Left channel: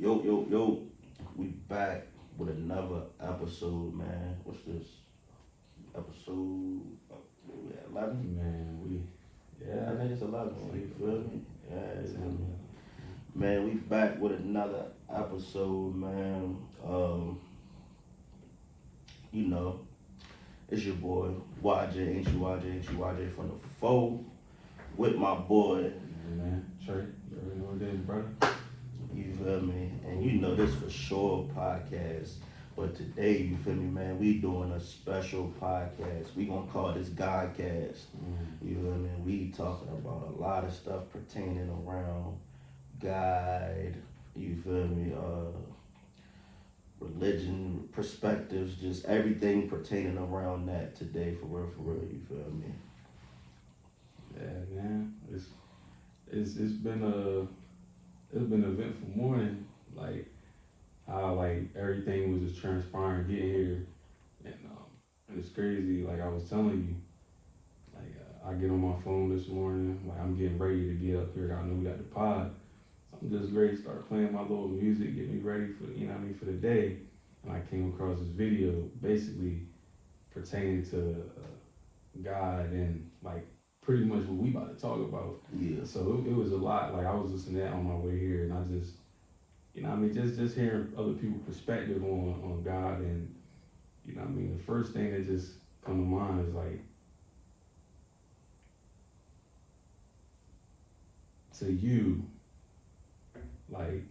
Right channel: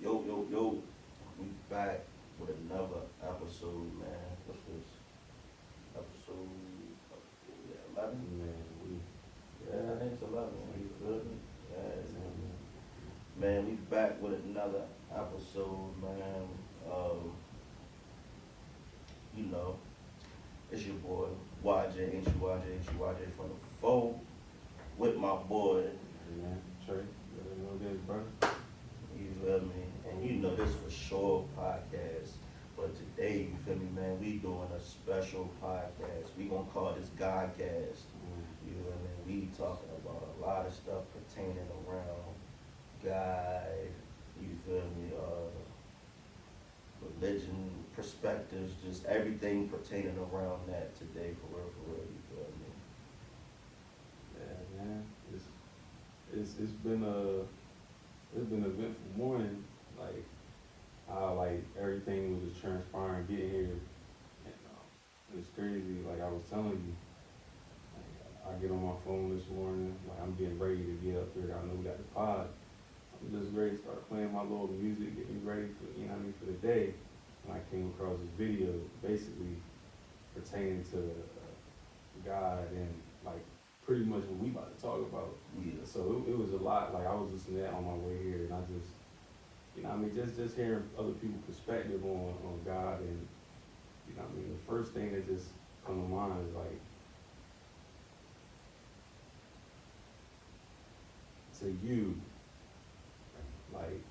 Yo, we back with another episode, man. What's this? Episode 11? Yeah, I think it's 11. You feel me? Yeah, it's 11. Man, we back with another episode, man. You know, it's your boy YJ, ain't you YJ, ain't you YJ from the foe with my boy. Man, Trey, every one day, brother. You feel me? And you know this for sure podcast. But today, you feel me, man, we doing a special podcast. We gonna call this GODcast. You feel me? We talking about a lot of stuff pertaining around God, you feel me, religion, perspectives, just everything pertaining around that today for real, you feel me? Yeah, man. It's been an eventful morning. Like how like everything was just transpiring getting here, and it's crazy. Like I was telling you, like I get on my phone this morning. Like I'm getting ready to get up here. I know we got the pod. I'm just ready to start playing my little music, get me ready for for the day. And I came across this video basically pertaining to God and like pretty much what we about to talk about. Yeah. So it was a lot. Like I was listening to that on my way here, and I just, just hearing other people's perspective on God, and the first thing that just come to mind is like, to you, like,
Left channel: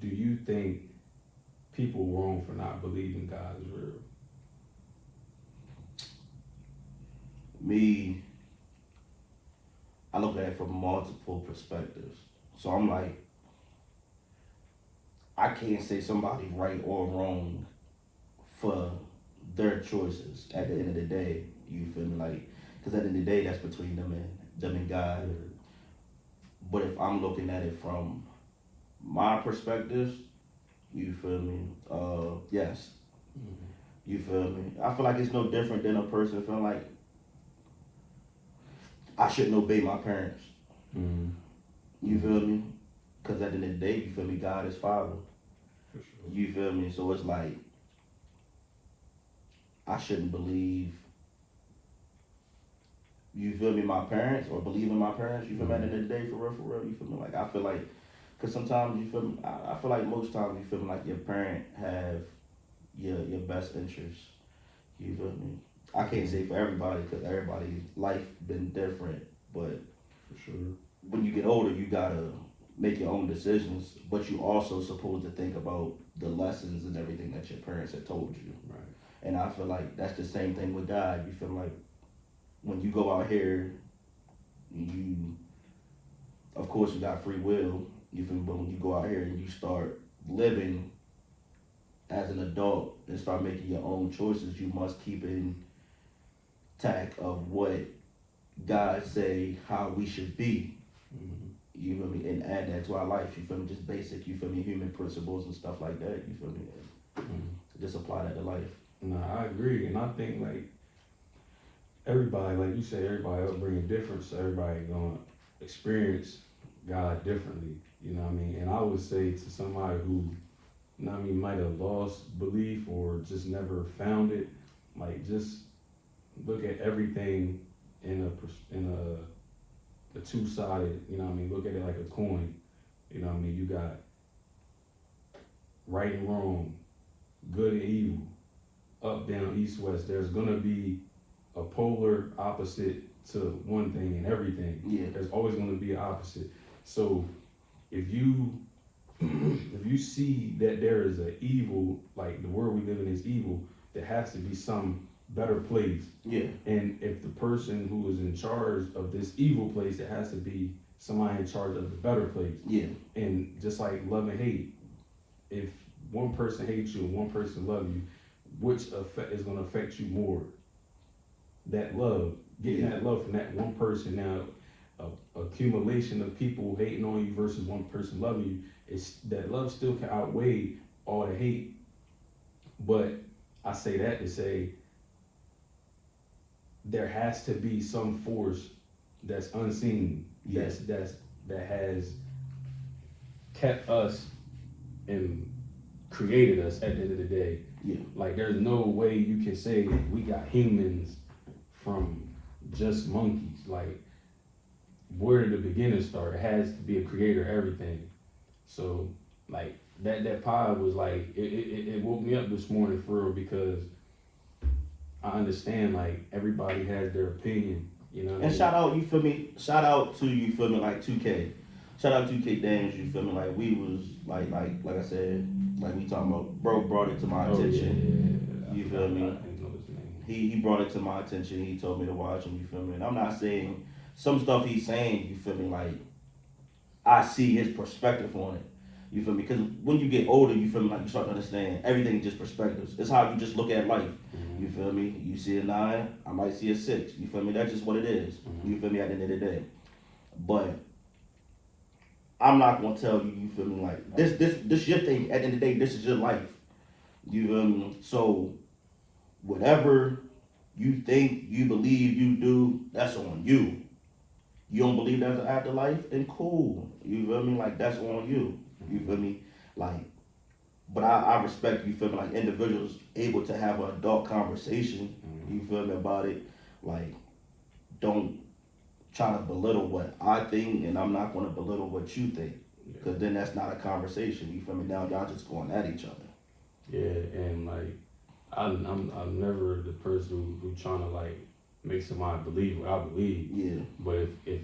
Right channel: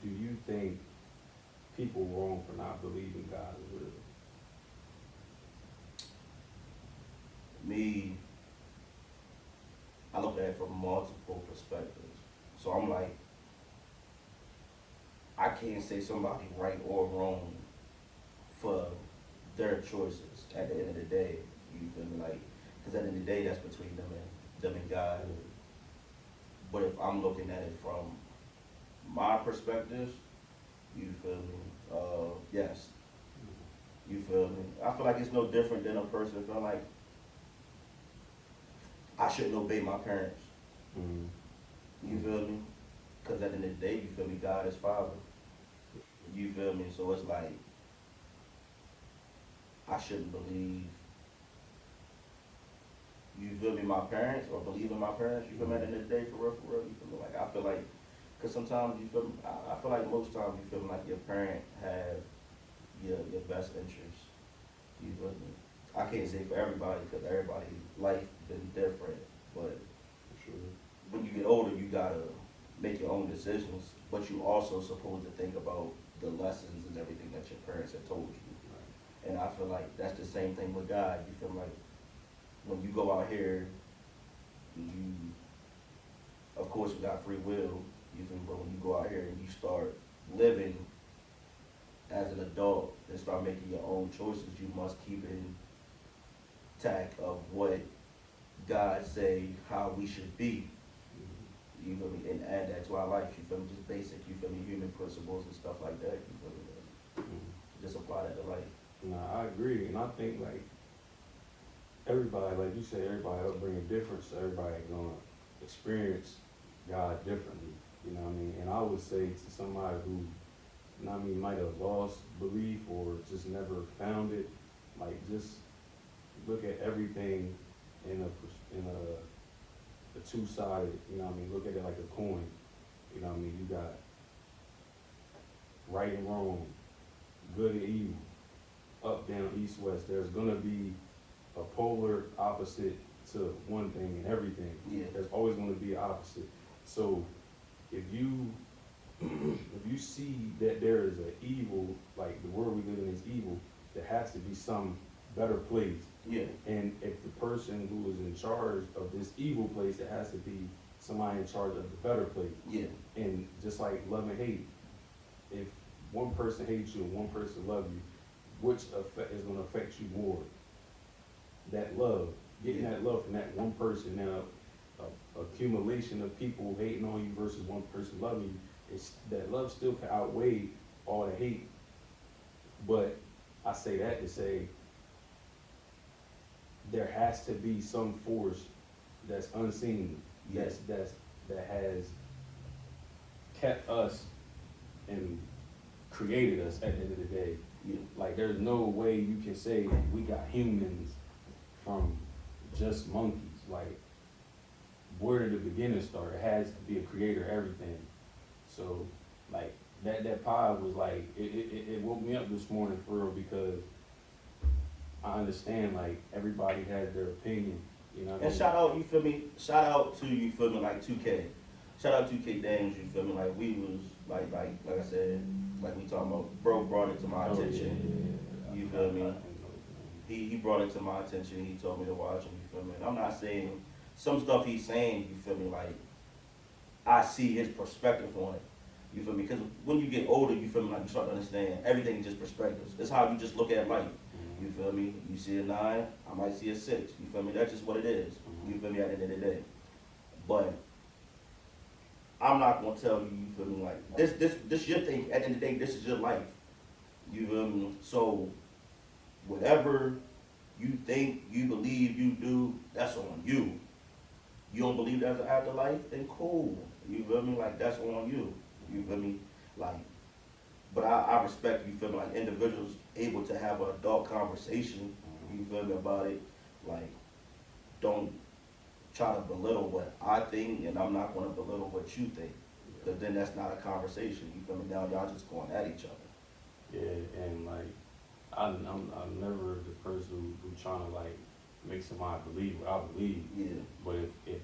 do you think people wrong for not believing God is real? Me, I look at it from multiple perspectives. So I'm like, I can't say somebody right or wrong for their choices at the end of the day. You feel me? Like, because at the end of the day, that's between them and God. But if I'm looking at it from my perspective, you feel me? Yes. You feel me? I feel like it's no different than a person feeling like I shouldn't obey my parents. You feel me? Because at the end of the day, you feel me? God is Father. You feel me? So it's like, I shouldn't believe, you feel me, my parents, or believe in my parents. You feel me? At the end of the day, for real, you feel me? Like, I feel like, because sometimes, you feel me, I feel like most times you feel me like your parent have your best interests. You feel me? I can't say for everybody, because everybody's life been different, but For sure. when you get older, you gotta make your own decisions, but you also supposed to think about the lessons and everything that your parents have told you. Right. And I feel like that's the same thing with God. You feel like when you go out here, you, of course, you got free will. You feel me? But when you go out here and you start living as an adult and start making your own choices, you must keep in tact of what God say how we should be. You feel me? And add that to our life. You feel me? Just basic, you feel me, human principles and stuff like that. You feel me? Just apply that to life. Nah, I agree, and I think like everybody, like you said, everybody upbringing different, so everybody gonna experience God differently. You know what I mean? And I would say to somebody who, might have lost belief or just never found it, like just look at everything in a two-sided. Look at it like a coin. You got right and wrong, good and evil, up, down, east, west. There's gonna be a polar opposite to one thing and everything. Yeah. There's always gonna be an opposite. So if you see that there is an evil, like the world we live in is evil, there has to be some better place. Yeah. And if the person who is in charge of this evil place, there has to be somebody in charge of the better place. Yeah. And just like love and hate, if one person hates you and one person loves you, which effect is going to affect you more? That love, getting that love from that one person. Now, accumulation of people hating on you versus one person loving you, is that love still can outweigh all the hate. But I say that to say there has to be some force that's unseen, that has kept us and created us at the end of the day. Yeah. Like, there's no way you can say we got humans from just monkeys. Like, where did the beginning start? It has to be a creator of everything. So, like, that pod was like, it woke me up this morning for real, because I understand, like, everybody has their opinion, you know what I And mean? shout out, you feel me? Shout out to, you feel me, like 2K. Shout out 2K Daniels, you feel me? Like, we was like I said, like we talking about, bro brought it to my attention. Yeah. You feel me? He brought it to my attention. He told me to watch him, you feel me? And I'm not saying some stuff he's saying, you feel me, like I see his perspective on it. You feel me? Because when you get older, you feel me, like you start to understand everything is just perspectives. It's how you just look at life. Mm-hmm. You feel me? You see a 9, I might see a 6. You feel me? That's just what it is. Mm-hmm. You feel me? At the end of the day. But I'm not gonna tell you, you feel me, like this your thing. At the end of the day, this is your life. You feel me? So whatever you think, you believe, you do, that's on you. You don't believe there's an afterlife, then cool. You feel me? Like, that's on you. You feel me? Like, but I respect, you feel me, like individuals able to have an adult conversation, you feel me, about it. Like, don't try to belittle what I think, and I'm not gonna belittle what you think. Because then that's not a conversation, you feel me? Now y'all just going at each other. Yeah, and like, I'm never the person who trying to like make somebody believe what I believe. Yeah. But if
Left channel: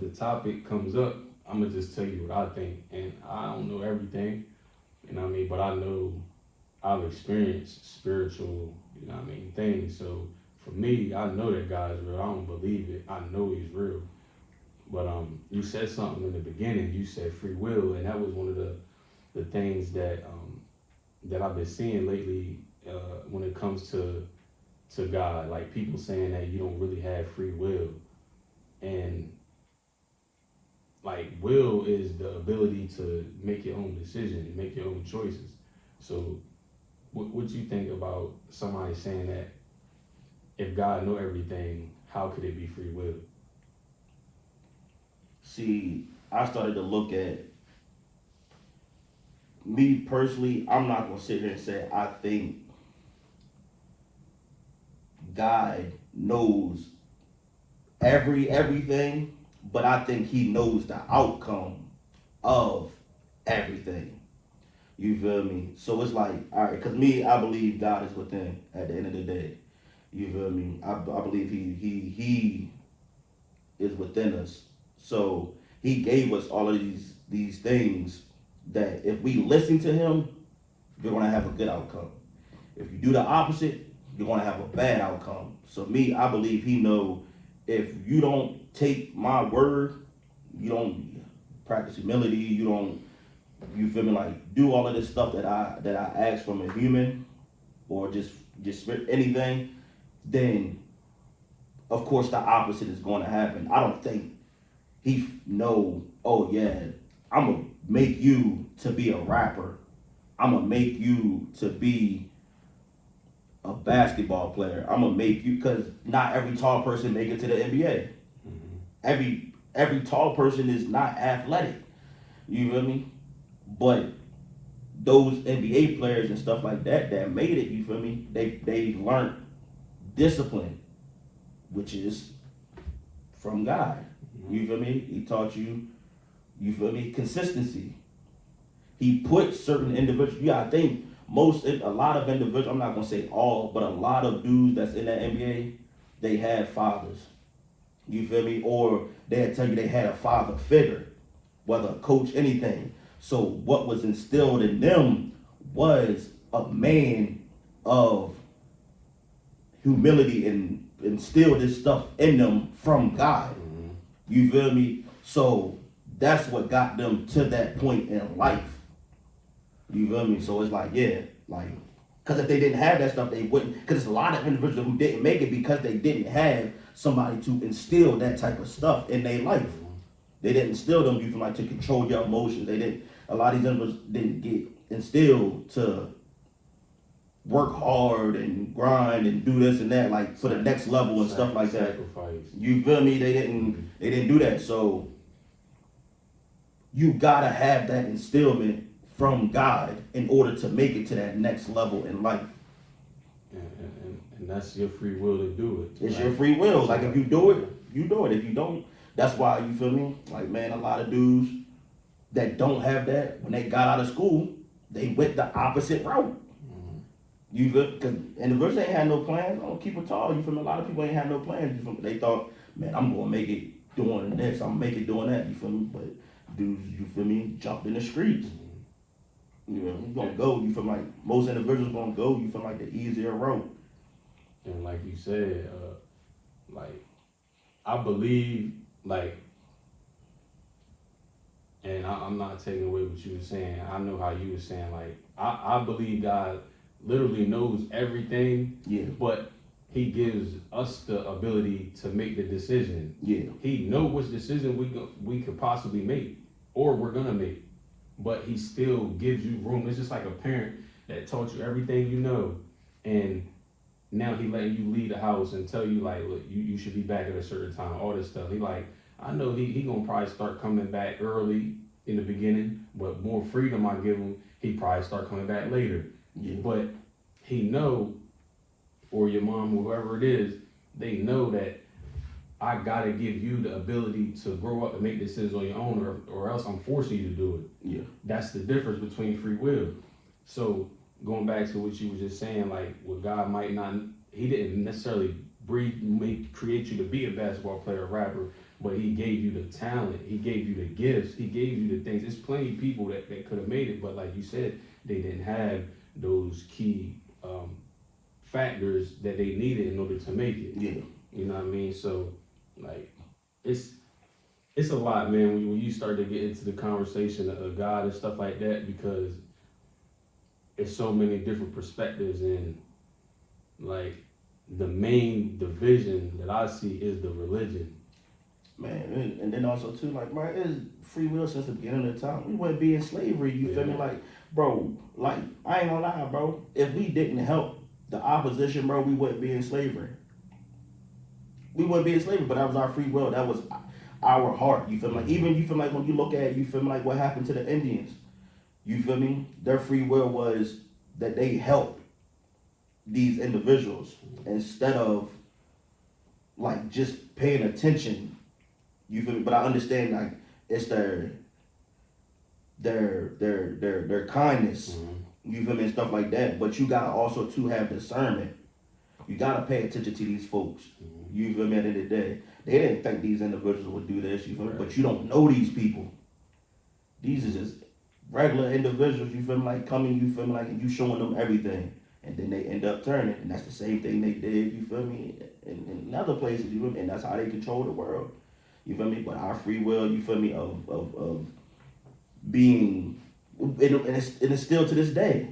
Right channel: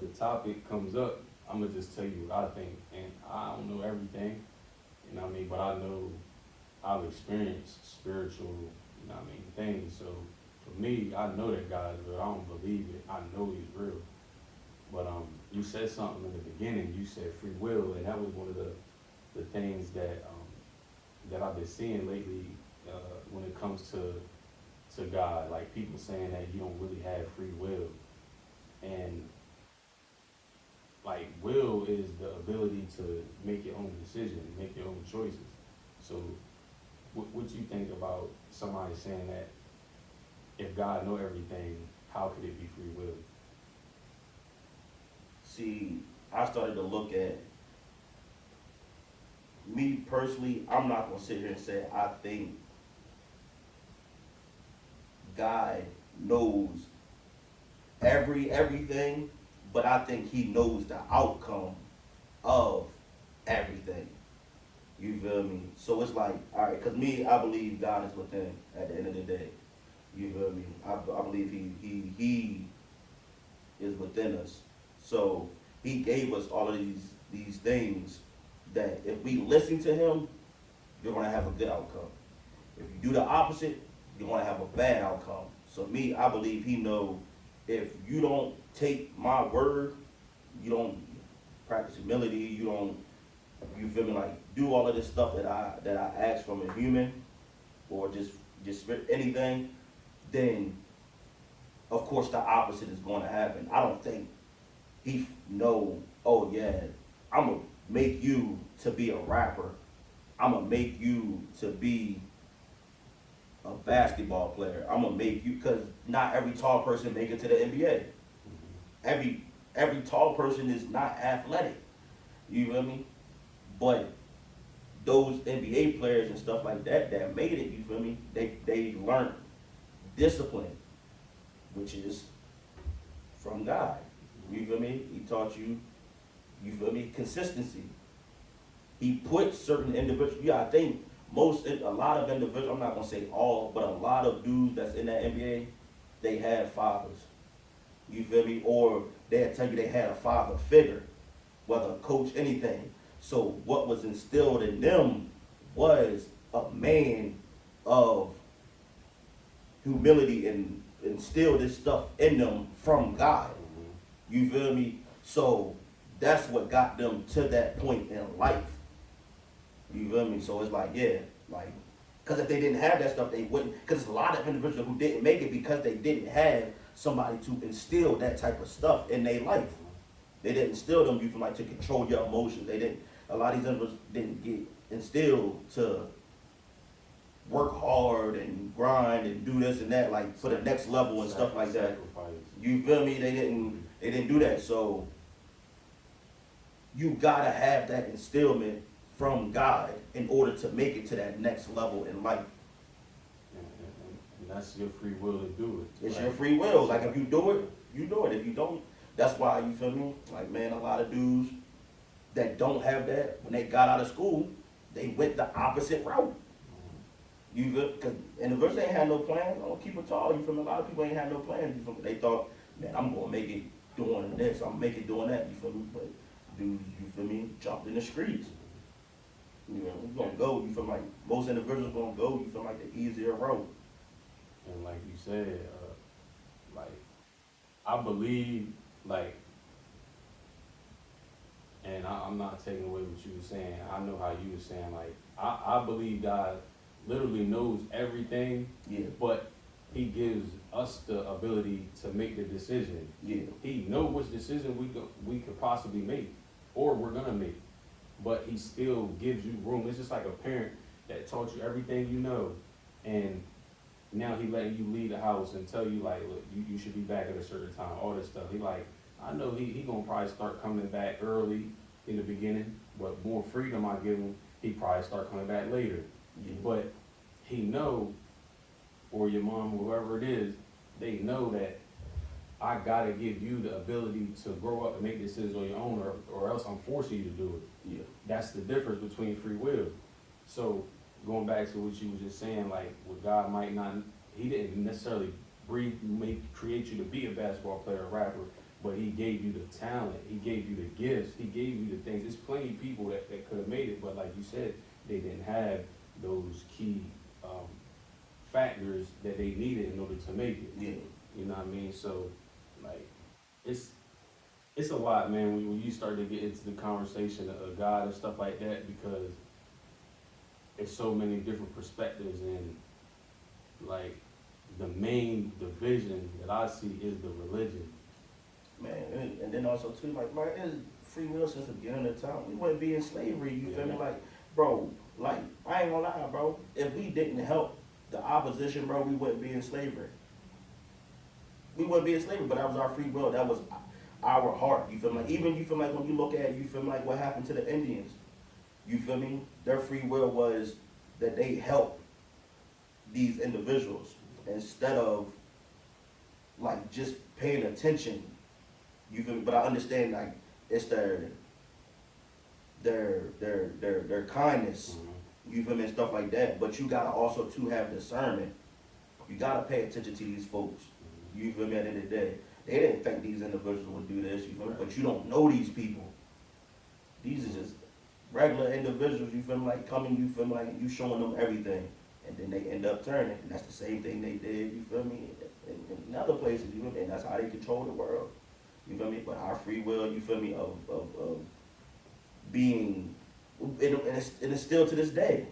the topic comes up, I'm gonna just tell you what I think, and I don't know everything, you know what I mean. But I know I've experienced spiritual, you know what I mean, things. So for me, I know that God is real. I don't believe it. I know He's real. But you said something in the beginning. You said free will, and that was one of the things that I've been seeing lately when it comes to God. Like, people saying that you don't really have free will, and like, will is the ability to make your own decision, make your own choices. So what you think about somebody saying that if God know everything, how could it be free will? See, I started to look at me personally. I'm not gonna sit here and say I think God knows everything, but I think He knows the outcome of everything. You feel me? So it's like, all right, because me, I believe God is within at the end of the day. You feel me? I believe he is within us. So He gave us all of these things that if we listen to Him, you're gonna have a good outcome. If you do the opposite, you're gonna have a bad outcome. So me, I believe He know if you don't take my word, you don't practice humility, you don't, you feel me, like do all of this stuff that I ask from a human, or just anything, then of course the opposite is going to happen. I don't think He know, oh yeah, I'm gonna make you to be a rapper, I'm gonna make you to be a basketball player, I'm gonna make you, because not every tall person make it to the NBA. Mm-hmm. Every tall person is not athletic. You feel me? But those NBA players and stuff like that made it, you feel me? They learned discipline, which is from God. You feel me? He taught you, you feel me, consistency. He put certain individuals, yeah, I think a lot of individuals, I'm not gonna say all, but a lot of dudes that's in the NBA, they had fathers. You feel me? Or they'd tell you they had a father figure, whether a coach, anything. So what was instilled in them was a man of humility, and instilled this stuff in them from God. Mm-hmm. You feel me? So that's what got them to that point in life. You feel me? So it's like, yeah, like, because if they didn't have that stuff, they wouldn't. Because there's a lot of individuals who didn't make it because they didn't have somebody to instill that type of stuff in their life. They didn't instill them, you feel like, to control your emotions. They didn't. A lot of these individuals didn't get instilled to work hard and grind and do this and that, like for the next level and stuff like that. Sacrifice. You feel me? They didn't do that. So you gotta have that instillment from God in order to make it to that next level in life. And that's your free will to do it. It's your free will. Like if you do it, you do it. If you don't, that's why, you feel me? Like, man, a lot of dudes that don't have that, when they got out of school, they went the opposite route. You feel? Because individuals ain't had no plans. I don't keep it tall. You feel me? A lot of people ain't had no plans. You feel me? They thought, man, I'm gonna make it doing this. I'm gonna make it doing that. You feel me? But dudes, you feel me? Jumped in the streets. You know, you gonna go. You feel like most individuals gonna go. You feel like the easier road. And like you said, like I believe, like, and I'm not taking away what you were saying. I know how you were saying. Like I believe God literally knows everything. Yeah. But He gives us the ability to make the decision. Yeah. He knows which decision we could possibly make, or we're gonna make. But He still gives you room. It's just like a parent that taught you everything you know, and now He letting you leave the house and tell you like, look, you should be back at a certain time. All this stuff. He like, I know he gonna probably start coming back early in the beginning, but more freedom I give him, he probably start coming back later. Yeah. But He know, or your mom, or whoever it is, they know that I gotta give you the ability to grow up and make decisions on your own, or else I'm forcing you to do it. Yeah. That's the difference between free will. So going back to what you was just saying, like, what God might not, He didn't necessarily create you to be a basketball player or rapper, but He gave you the talent, He gave you the gifts, He gave you the things. There's plenty of people that could have made it, but like you said, they didn't have those key factors that they needed in order to make it. Yeah. You know what I mean? So, like, it's a lot, man, when you start to get into the conversation of God and stuff like that, because it's so many different perspectives, and like the main division that I see is the religion. Man, and then also too, like, bro, it's free will since the beginning of time. We wouldn't be in slavery, you feel me? Like, bro, like, I ain't gonna lie, bro. If we didn't help the opposition, bro, we wouldn't be in slavery. We wouldn't be in slavery, but that was our free will. That was our heart, you feel me? Like, even, you feel like, when you look at, you feel me, like what happened to the Indians, you feel me? Their free will was that they helped these individuals instead of, like, just paying attention. You feel me? But I understand, like, it's their kindness. You feel me? And stuff like that. But you gotta also too have discernment. You gotta pay attention to these folks. You feel me? At the end of the day, they didn't think these individuals would do this. You feel me? But you don't know these people. These are just regular individuals. You feel me? Like coming. You feel me? Like you showing them everything, and then they end up turning. And that's the same thing they did. You feel me? In other places. You feel me? And that's how they control the world. You feel me? But our free will, you feel me, of being, and it's still to this day.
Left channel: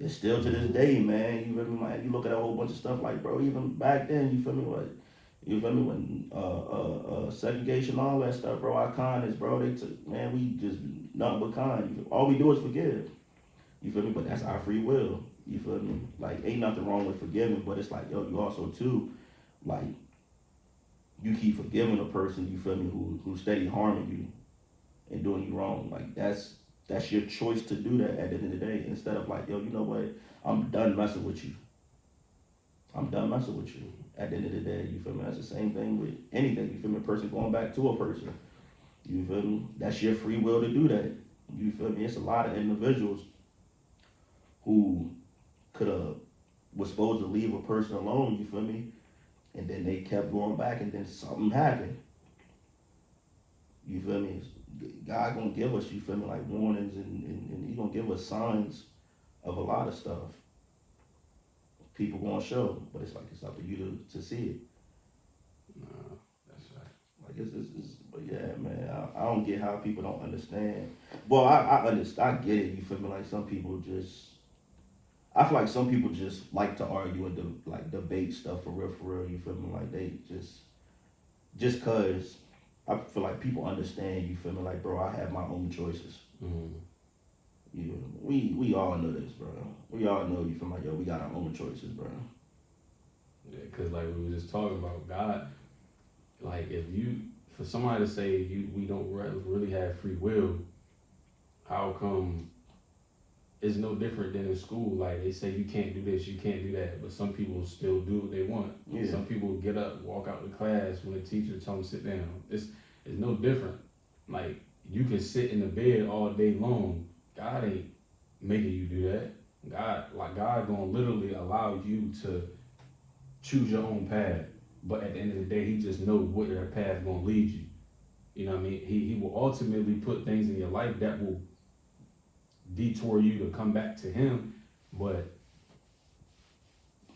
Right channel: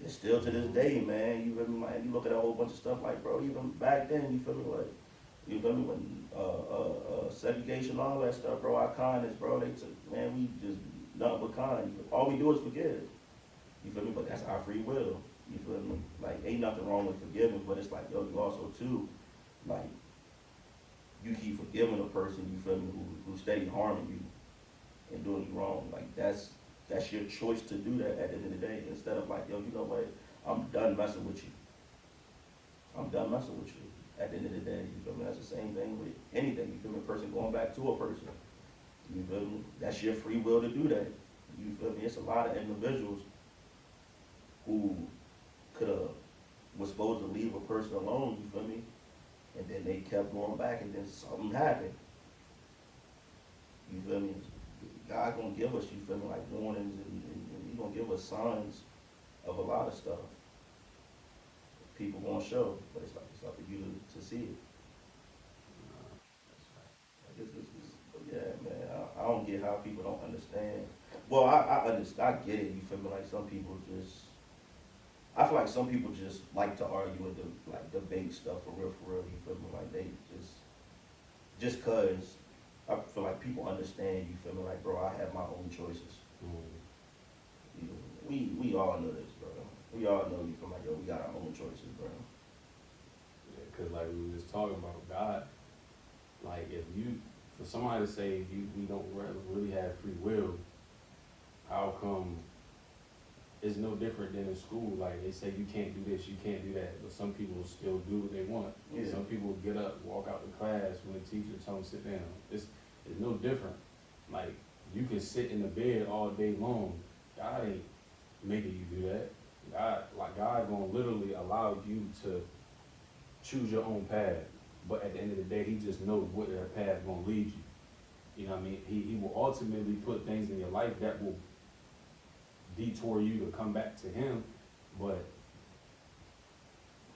It's still to this day, man. You feel me? Like, you look at a whole bunch of stuff, like, bro, even back then, you feel me? Like, you feel me? When segregation, all that stuff, bro, our kindness, bro, they took, man, we just nothing but kind. All we do is forgive. You feel me? But that's our free will. You feel me? Like, ain't nothing wrong with forgiving, but it's like, yo, you also too, like, you keep forgiving a person, you feel me, who steady harming you and doing you wrong. Like, that's your choice to do that at the end of the day. Instead of like, yo, you know what, I'm done messing with you. I'm done messing with you. At the end of the day, you feel me? That's the same thing with anything. You feel me? A person going back to a person. You feel me? That's your free will to do that. You feel me? It's a lot of individuals who was supposed to leave a person alone, you feel me? And then they kept going back, and then something happened. You feel me? God gonna give us, you feel me, like warnings, and He gonna give us signs of a lot of stuff. People gonna show, but it's up to you to see it. That's right. Like but yeah, man, I don't get how people don't understand. Well, I understand, I get it. You feel me? Like some people just. I feel like some people just like to argue and debate stuff for real. You feel me? Like they just cause I feel like people understand. You feel me? Like, bro, I have my own choices. Yeah, we all know this, bro. We all know, you feel like, yo, we got our own choices, bro. Yeah, cause like we were just talking about, God, like if you for somebody to say we don't really have free will, how come it's no different than in school? Like they say you can't do this, you can't do that, but some people still do what they want. Yeah. Some people get up, walk out the class when the teacher tells them to sit down. It's no different. Like you can sit in the bed all day long. God ain't making you do that. God gonna literally allow you to choose your own path. But at the end of the day, he just knows what that path gonna lead you. You know what I mean? He will ultimately put things in your life that will detour you to come back to him, but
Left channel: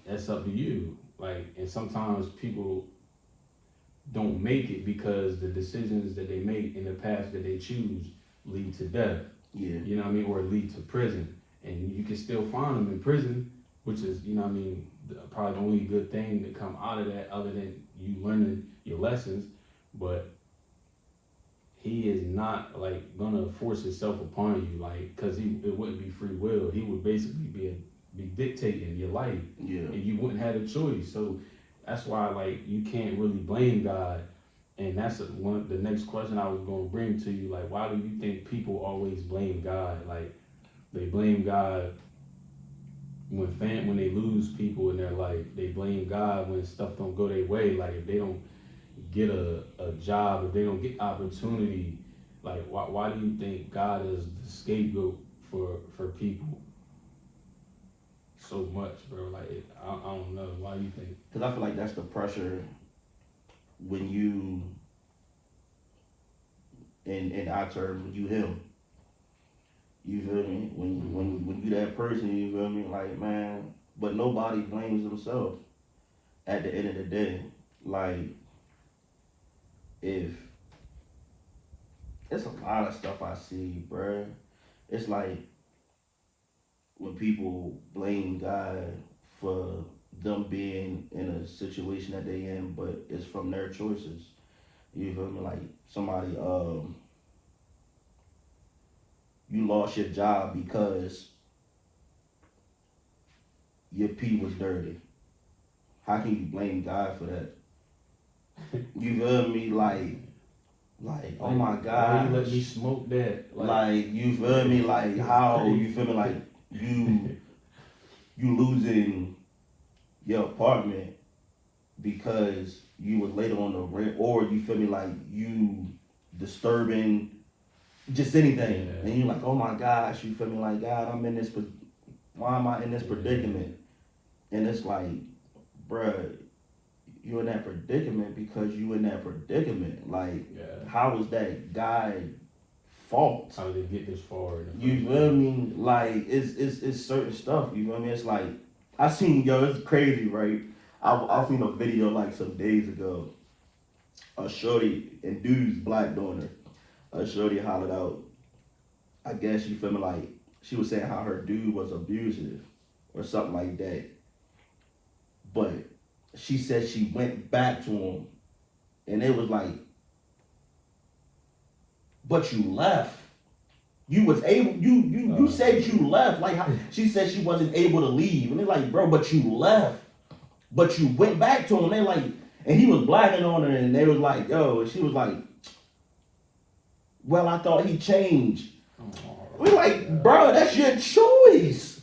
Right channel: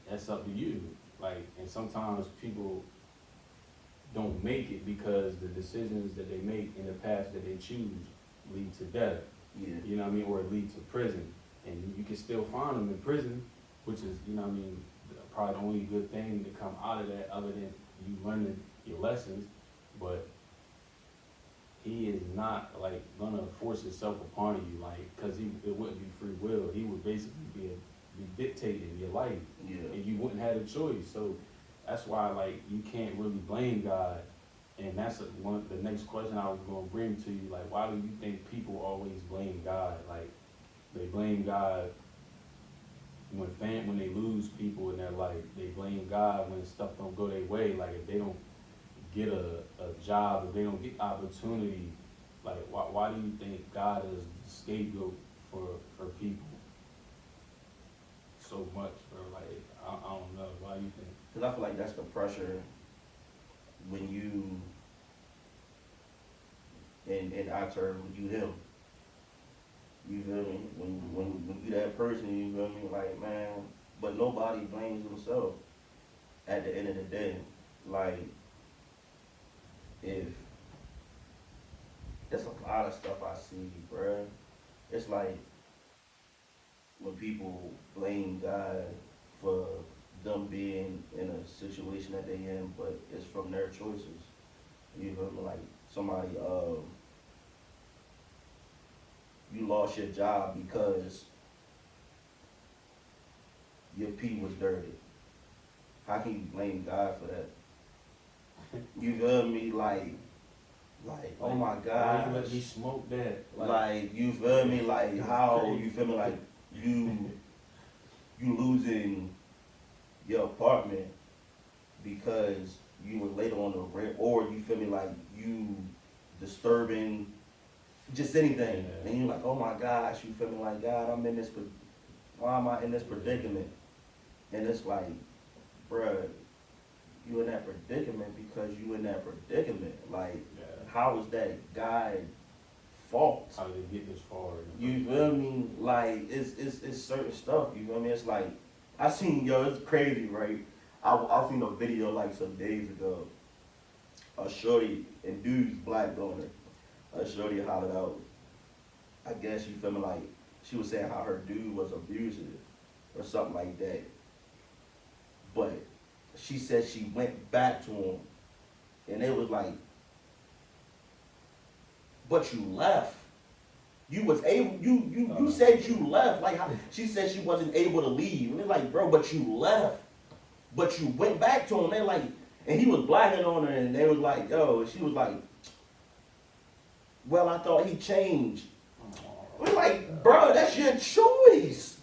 that's up to you. Like, and sometimes people don't make it because the decisions that they make in the path that they choose lead to death. Yeah. You know what I mean? Or lead to prison. And you can still find them in prison, which is, you know what I mean, probably the only good thing that come out of that other than you learning your lessons. But he is not like gonna force himself upon you, like, cause it wouldn't be free will. He would basically be dictating your life, Yeah. and you wouldn't have a choice. So that's why, like, you can't really blame God. And that's one of the next question I was gonna bring to you. Like, why do you think people always blame God? Like, they blame God when they lose people in their life. They blame God when stuff don't go their way. Like, if they don't get a job, if they don't get opportunity, like why do you think God is the scapegoat for people so much, bro? Like, I don't know. Why do you think? Because I feel like that's the pressure when you, in our terms, when you him. You feel me? When you that person, you feel me? Like, man, but nobody blames themselves at the end of the day. Like, if it's a lot of stuff I see, bruh. It's like when people blame God for them being in a situation that they in, but it's from their choices. You feel me? Like somebody, you lost your job because your pee was dirty. How can you blame God for that? You feel me? Like, oh my God. Why you let me smoke that? Like, you feel me? Like, how, you feel me? Like, you losing your apartment because you was late on the rent, or you feel me? Like, you disturbing just anything. Yeah. And you're like, oh my gosh, you feel me? Like, God, I'm in this, why am I in this predicament? And it's like, bruh, you in that predicament because you in that predicament. Like, how is that God's fault? How did they get this far? You feel me? Like, it's certain stuff, you feel me? It's like, I seen, it's crazy, right? I seen a video like some days ago. A shorty, and dude's black daughter. A shorty hollered out, I guess, you feel me, like, she was saying how her dude was abusive or something like that. But she said she went back to him, and it was like, but you left. You was able, you said you left. Like, how, she said she wasn't able to leave. And they're like, bro, but you left. But you went back to him. They're like, and he was blacking on her, and they was like, yo, she was like, well, I thought he changed. We're like, bro, that's your choice.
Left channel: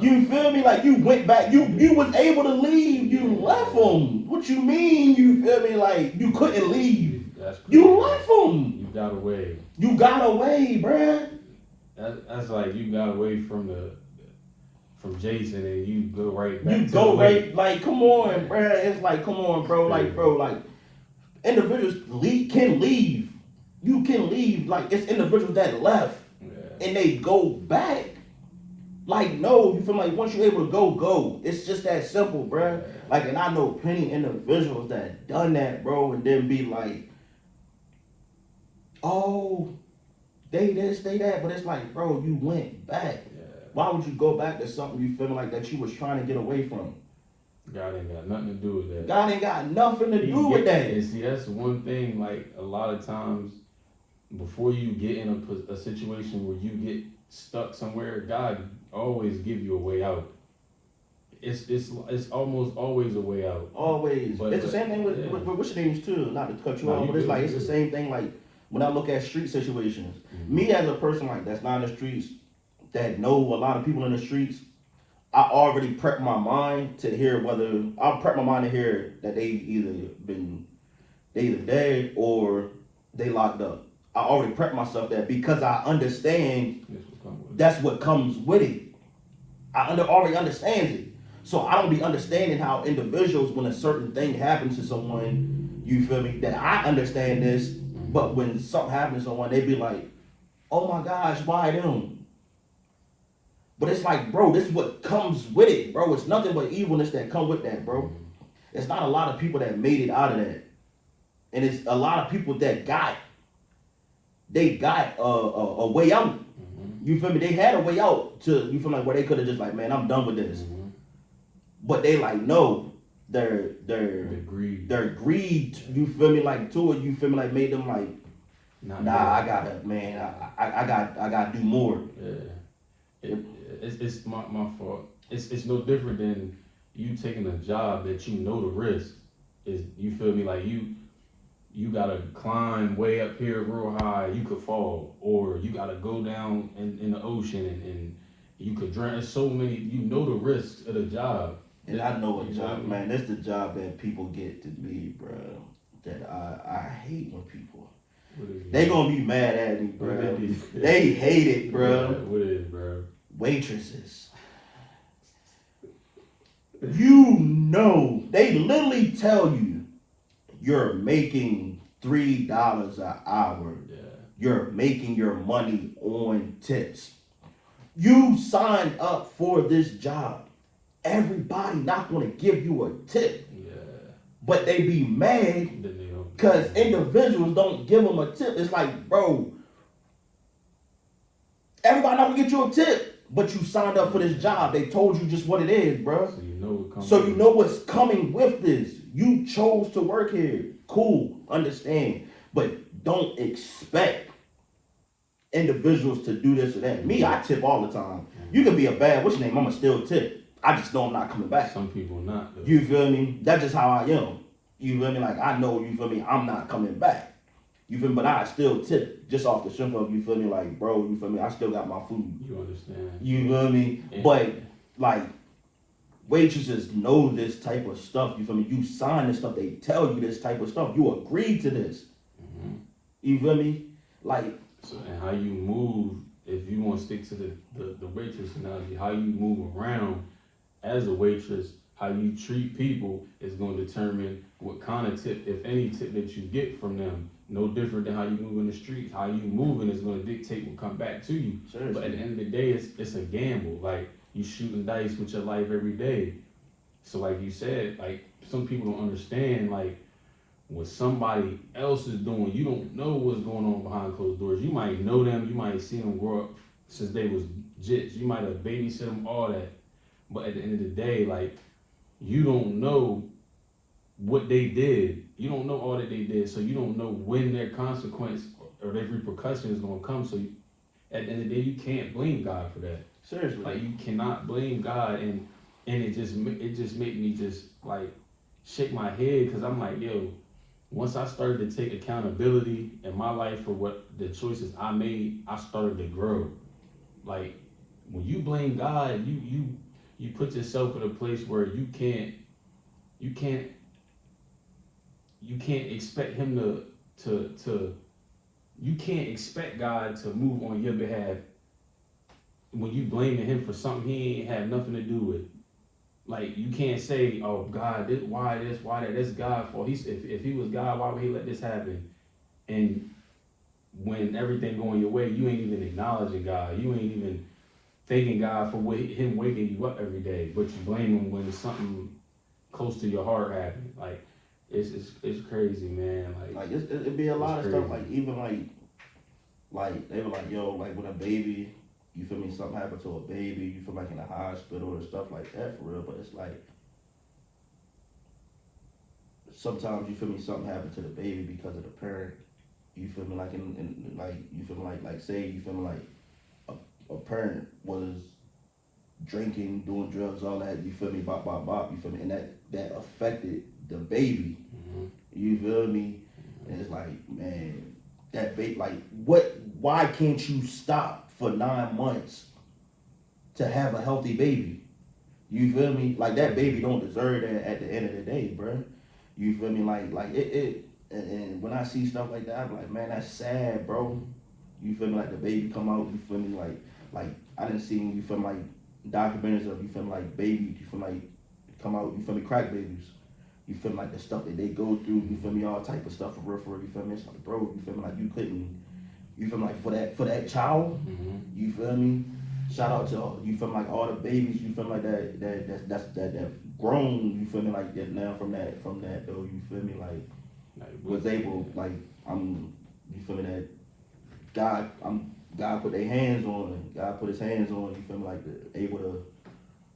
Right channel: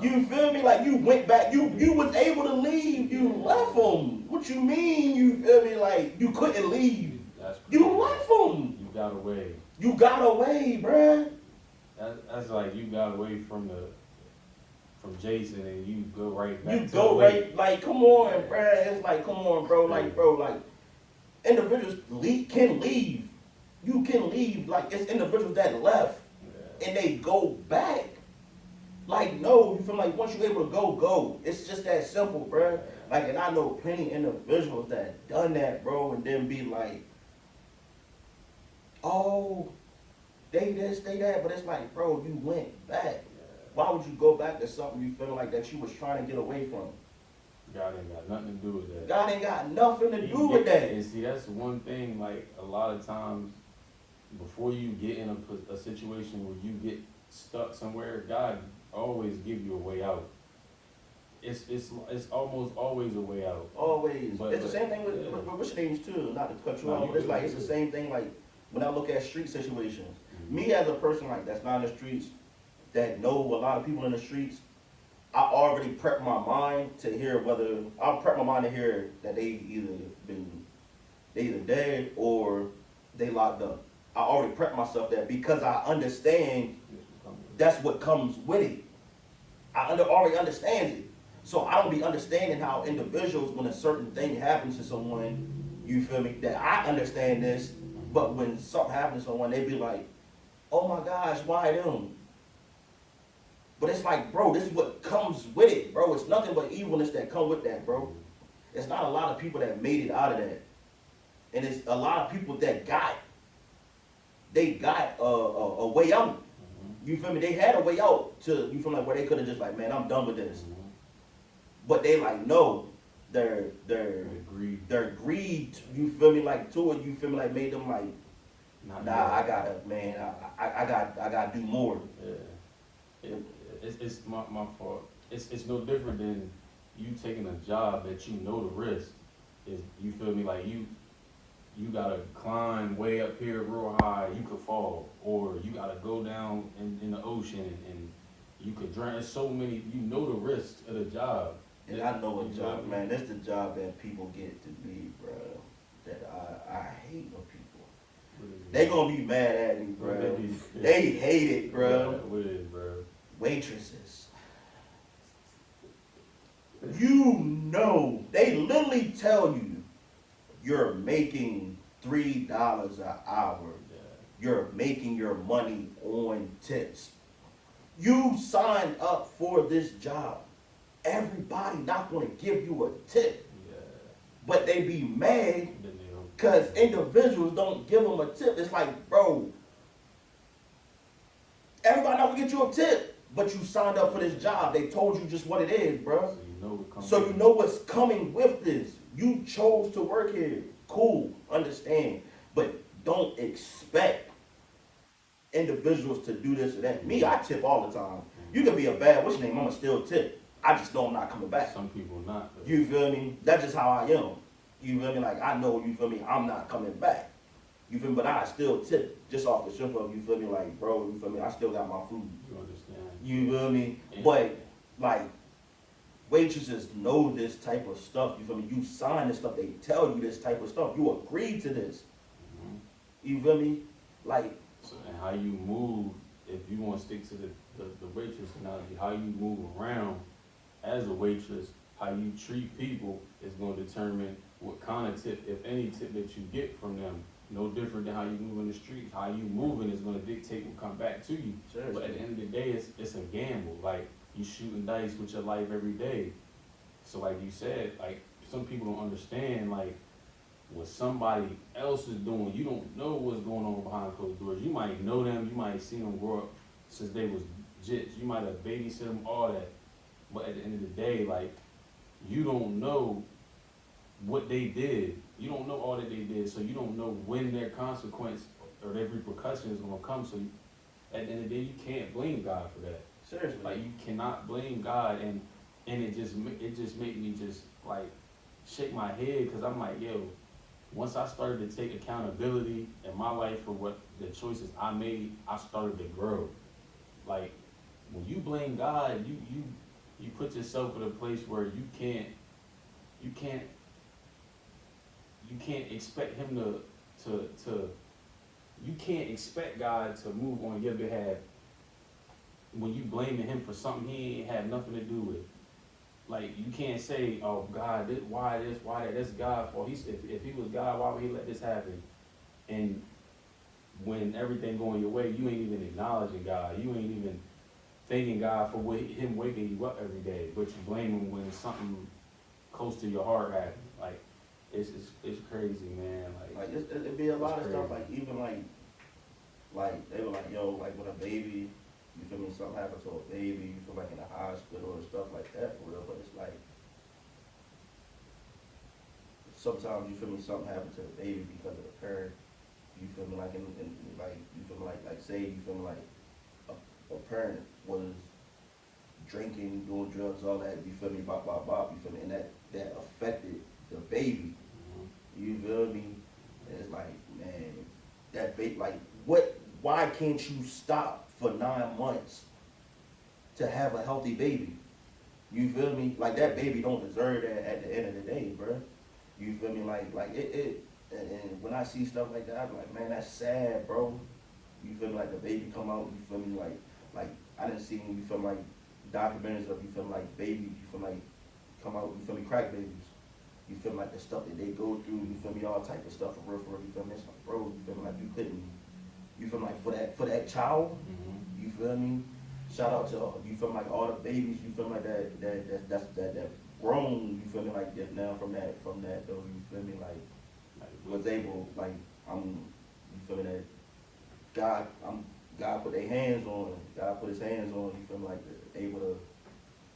You feel me? Like, you went back, you was able to leave, you left him. What you mean? You feel me? Like, you couldn't leave. You left him. You got away. You got away, bruh. That's like you got away from Jason, and you go right back. You to go the right, like, come on, bruh. It's like, come on, bro. Like, bro, like, individuals can leave. You can leave. Like, it's individuals that left, and they go back. Like, no, you feel like once you're able to go. It's just that simple, bruh. Like, and I know plenty individuals that done that, bro, and then be like, oh, they this, they that, but it's like, bro, you went back. Why would you go back to something you feel like that you was trying to get away from? God ain't got nothing to do with that. God ain't got nothing to do with that. And see, that's one thing, like, a lot of times, before you get in a situation where you get stuck somewhere, God always give you a way out. it's almost always a way out. Always. But It's the same thing with, yeah. with what's your names too. Not to cut you No, off, you but it's good, like you it's the good. same thing. Like when I look at street situations, Mhm. me as a person like that's not in the streets, that know a lot of people in the streets, I already prep my mind to hear whether I'll prep my mind to hear that they either dead or they locked up. I already prep myself that because I understand That's what come with it. that's what comes with it. Already understands it. So I don't be understanding how individuals, when a certain thing happens to someone, you feel me, that I understand this, but when something happens to someone, they be like, oh my gosh, why them? But it's like, bro, this is what comes with it, bro. It's nothing but evilness that come with that, bro. It's not a lot of people that made it out of that. And it's a lot of people that got a way out. You feel me? They had a way out to, you feel like, where they could have just like, man, I'm done with this. But they like, no, their greed, you feel me, like to it, you feel me, like made them like, I gotta do more. Yeah. It's my fault. It's no different than you taking a job that you know the risk is. You feel me? Like you gotta climb way up here real high. You could fall, or you gotta go down in the ocean and you could drown. There's so many. You know the risks of the job. And I know a job, man. This the job that people get to be, bro. That I hate when people. They gonna be mad at me, bro. They hate it, bro. What is, bro? Waitresses. You know, they literally tell you you're making $3 an hour. Yeah. You're making your money on tips. You signed up for this job. Everybody not gonna give you a tip. Yeah. But they be mad because individuals don't give them a tip. It's like, bro, everybody not gonna get you a tip, but you signed up for this job. They told you just what it is, bro. So you know what's coming with this. You chose to work here. Cool, understand. But don't expect individuals to do this or that. Me, I tip all the time. You can be a bad, what's your name? I'ma still tip. I just know I'm not coming back. Some people not. Though. You feel me? That's just how I am. You feel me? Like I know, you feel me, I'm not coming back. You feel me? But I still tip just off the strength of, you feel me, like, bro, you feel me, I still got my food. You understand. You feel me? Yeah. But like waitresses know this type of stuff, you feel me? You sign this stuff, they tell you this type of stuff. You agree to this. You feel me? Like so, and how you move, if you want to stick to the waitress analogy, how you move around as a waitress, how you treat people is going to determine what kind of tip, if any tip that you get from them. No different than how you move in the streets. How you moving is going to dictate what come back to you. Seriously. But at the end of the day, it's a gamble. Like you shooting dice with your life every day. So like you said, like some people don't understand like what somebody else is doing. You don't know what's going on behind closed doors. You might know them. You might see them grow up since they was jits. You might have babysit them, all that. But at the end of the day, like you don't know what they did. You don't know all that they did, so you don't know when their consequence or their repercussion is going to come. So you, at the end of the day, you can't blame God for that. Seriously, like you cannot blame God, and it just made me just like shake my head because I'm like, yo, once I started to take accountability in my life for what the choices I made, I started to grow. Like when you blame God, you put yourself in a place where you can't expect him to you can't expect God to move on your behalf when you blaming him for something he ain't had nothing to do with. Like you can't say, oh God, why that? That's God's fault. If he was God, why would he let this happen? And when everything going your way, you ain't even acknowledging God. You ain't even thanking God for him waking you up every day, but you blame him when something close to your heart happened. Like it's crazy, man. Like it'd be a lot of stuff. Like even like they were like, yo, like with a baby, you feel me? Something happened to a baby, you feel like in the hospital and stuff like that for real. But it's like sometimes you feel me? Something happened to the baby because of the parent. You feel me? Like in like you feel me? Like say you feel me? Like a parent was drinking, doing drugs, all that. You feel me? Bop, bop, bop. You feel me? And that affected the baby. You feel me? And it's like, man, that baby, like, what? Why can't you stop for 9 months to have a healthy baby? You feel me? Like, that baby don't deserve that at the end of the day, bro. You feel me? Like it and when I see stuff like that, I'm like, man, that's sad, bro. You feel me? Like, the baby come out, you feel me? Like I didn't see, you feel me, like documentaries of, you feel me, like baby, you feel me, like come out, you feel me, crack babies. You feel me, like the stuff that they go through, you feel me, all type of stuff for real, you feel me? It's like, bro, you feel me, like you couldn't, you feel me, like for that child, you feel me? Shout out to you feel me, like all the babies, you feel me, like that grown, you feel me, like that now from that though, you feel me, like was able, like you feel me, that God put their hands on, God put his hands on, you feel me, like able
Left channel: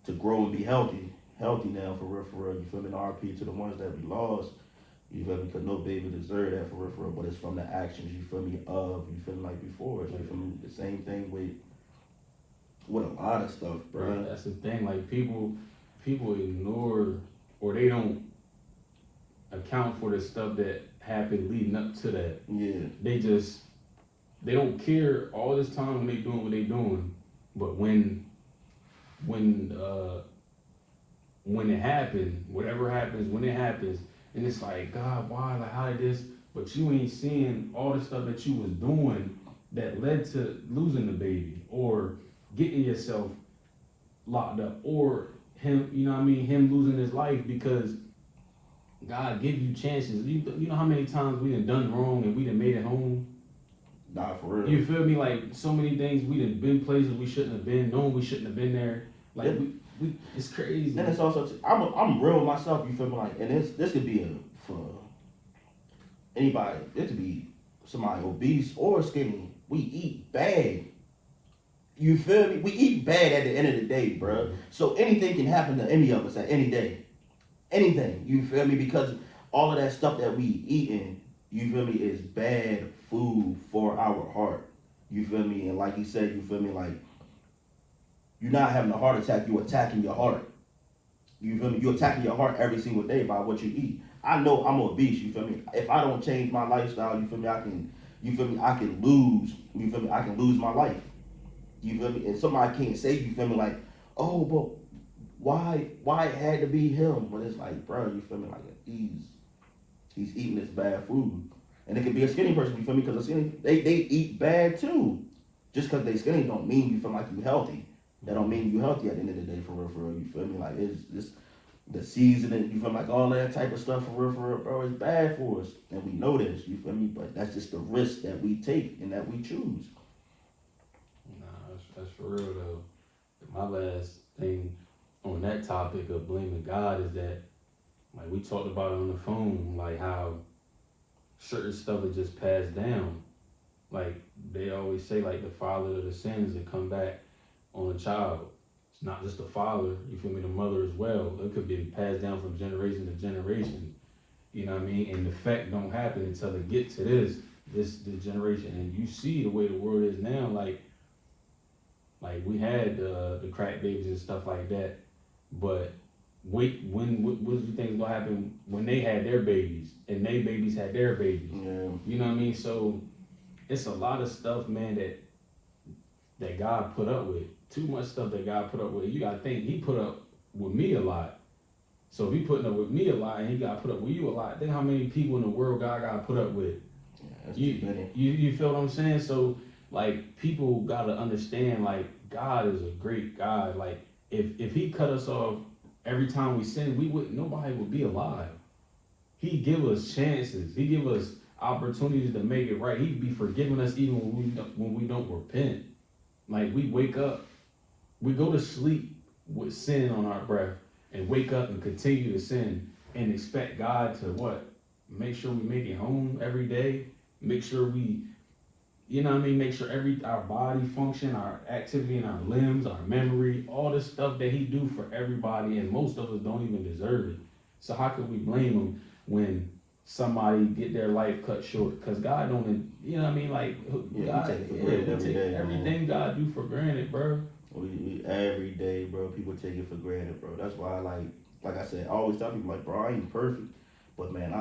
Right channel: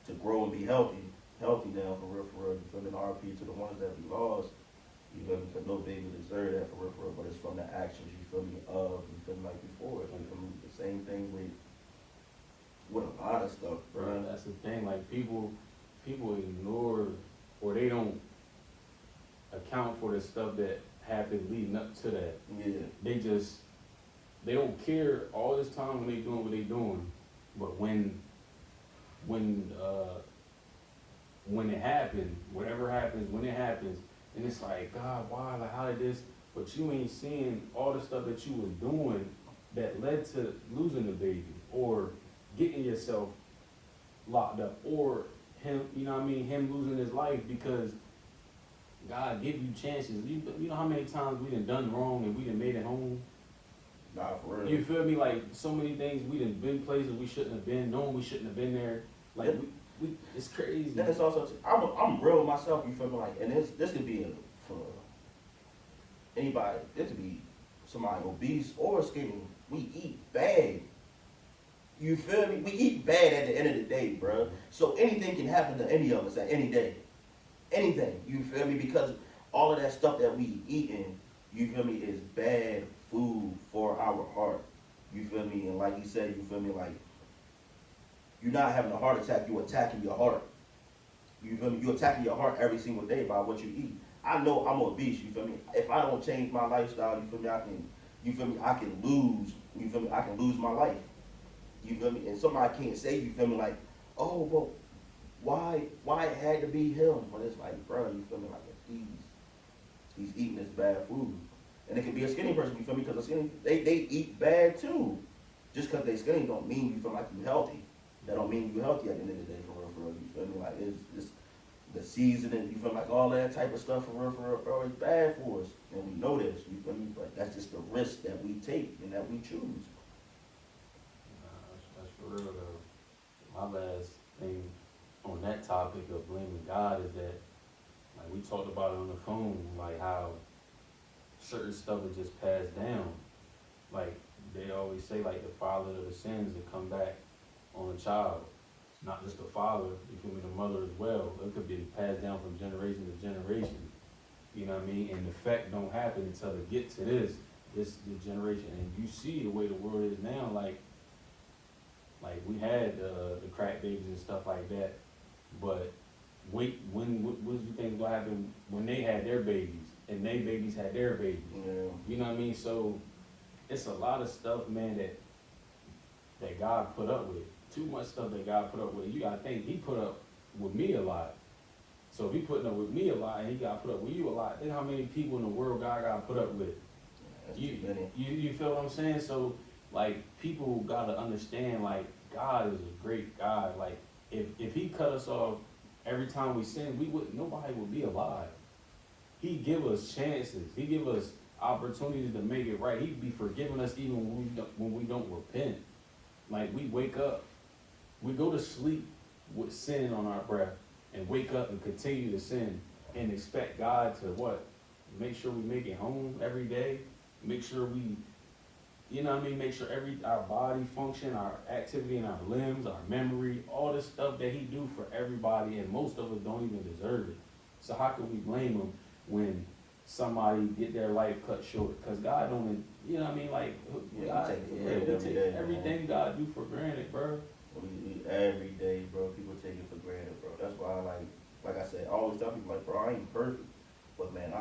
to grow and be healthy now for real, you feel me, the RP to the ones that we lost, you feel me, because no baby deserve that for real, but it's from the actions, you feel me, you feel me, like before, you feel me, the same thing with a lot of stuff, bro. Right, that's the thing, like people ignore, or they don't account for the stuff that happened leading up to that. Yeah. They don't care all this time when they doing what they doing, but when it happened, whatever happens, when it happens, and it's like, God, why? Like, how did this? But you ain't seeing all the stuff that you was doing that led to losing the baby, or getting yourself locked up, or him, you know what I mean, him losing his life because God give you chances. You know how many times we done wrong and we done made it home? Nah, for real. You feel me? Like, so many things, we done been places we shouldn't have been, knowing we shouldn't have been there. Like, we it's crazy. Then it's also, I'm real with myself, you feel me, like, and this could be for anybody, this could be somebody obese or skinny. We eat bad. You feel me? We eat bad at the end of the day, bro. So anything can happen to any of us at any day. Anything, you feel me? Because all of that stuff that we eating, you feel me, is bad food for our heart. You feel me? And like he said, you feel me, like, you're not having a heart attack, you're attacking your heart. You feel me? You're attacking your heart every single day by what you eat. I know I'm obese, you feel me? If I don't change my lifestyle, you feel me, I can lose, you feel me, I can lose my life. You feel me? And somebody can't say, you feel me, like, oh, but why it had to be him? But it's like, bro, you feel me, like, he's eating this bad food. And it could be a skinny person, you feel me, because a skinny, they eat bad too. Just because they skinny don't mean you feel like you healthy. That don't mean you healthy at the end of the day, for real, you feel me? Like, it's the seasoning, you feel like all that type of stuff, for real, bro, it's bad for us. And we know this, you feel me? But that's just the risk that we take and that we choose. That's for real though. My last thing on that topic of blaming God is that, like, we talked about it on the phone, like how certain stuff is just passed down. Like, they always say, like, the father of the sins that come back on a child. It's not just the father, you feel me, the mother as well. It could be passed down from generation to generation. You know what I mean? And the effect don't happen until they get to this generation. And you see the way the world is now, like we had the crack babies and stuff like that. But wait, what do you think gonna happen when they had their babies and their babies had their babies? Yeah. You know what I mean? So it's a lot of stuff, man, that God put up with. Too much stuff that God put up with. You gotta think, he put up with me a lot. So if he putting up with me a lot and he got put up with you a lot, think how many people in the world God got put up with. Yeah, you feel what I'm saying? So, like, people gotta understand, like, God is a great God. Like, if he cut us off every time we sin, nobody would be alive. He give us chances. He give us opportunities to make it right. He'd be forgiving us even when we don't repent. Like, we wake up, we go to sleep with sin on our breath and wake up and continue to sin and expect God to what? Make sure we make it home every day. Make sure we, you know what I mean? Make sure our body function, our activity in our limbs, our memory, all the stuff that he do for everybody, and most of us don't even deserve it. So how can we blame him when somebody get their life cut short? Because God don't, you know what I mean? Like, yeah, God, we take it for granted every day, everything God do for granted, bro. We every day, bro. People take it for granted, bro. That's why, like I said, I always tell people, like, bro, I ain't perfect, but man,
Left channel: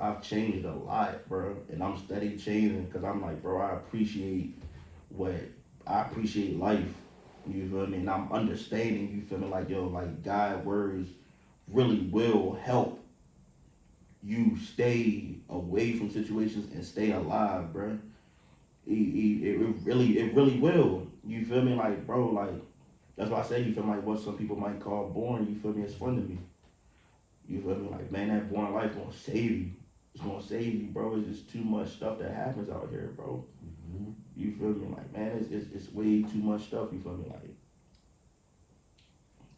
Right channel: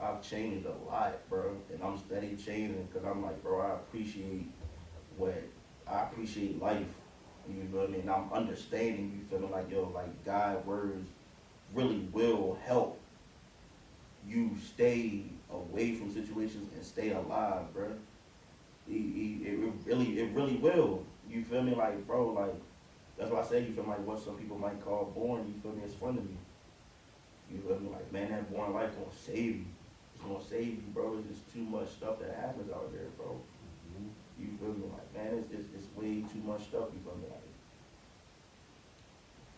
I've changed a lot, bro, and I'm steady changing because I'm like, bro, what I appreciate life. You feel me? And I'm understanding. You feel me? Like, yo, like God words really will help you stay away from situations and stay alive, bro. It really will. You feel me? Like, bro, like that's why I say, you feel like what some people might call boring. You feel me? It's fun to me. You feel me? Like, man, that boring life gonna save you. It's gonna save you, bro. It's just too much stuff that happens out here, bro. Mm-hmm. You feel me? Like, man, it's way too much stuff. You feel me? Like,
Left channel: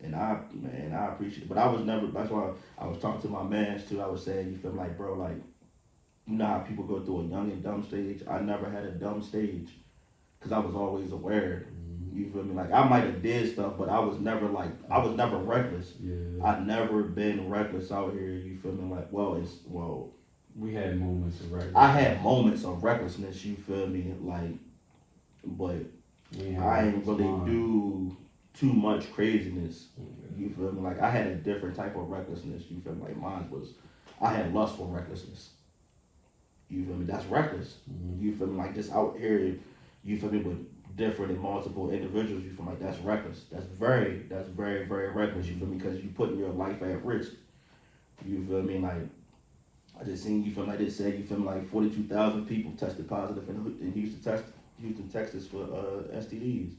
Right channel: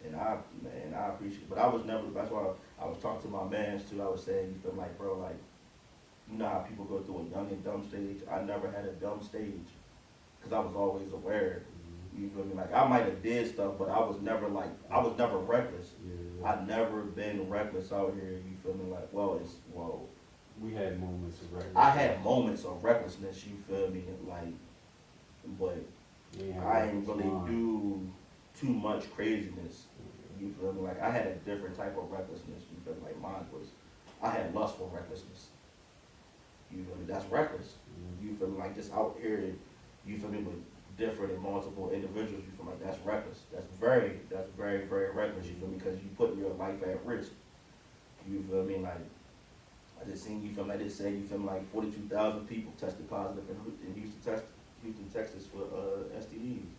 and I appreciate it. But I was never. That's why I was talking to my mans too. I was saying, you feel me? Like, bro, like, you know how people go through a young and dumb stage. I never had a dumb stage because I was always aware. You feel me? Like, I might have did stuff, but I was never reckless. Yeah. I never been reckless out here. You feel me? Like, We had moments of recklessness. I had moments of recklessness. You feel me? Like, but I ain't really do too much craziness. You feel me? Like, I had a different type of recklessness. You feel me? Like, mine was, I had lustful recklessness. You feel me? That's reckless. Mm-hmm. You feel me? Like, just out here, you feel me, with different and multiple individuals. You feel me? Like, that's reckless. That's very, very reckless. You feel me? Because you putting your life at risk. You feel me? Like, I just seen, you feel me, like they said, you feel me, like 42,000 people tested positive in Houston, Texas for STDs.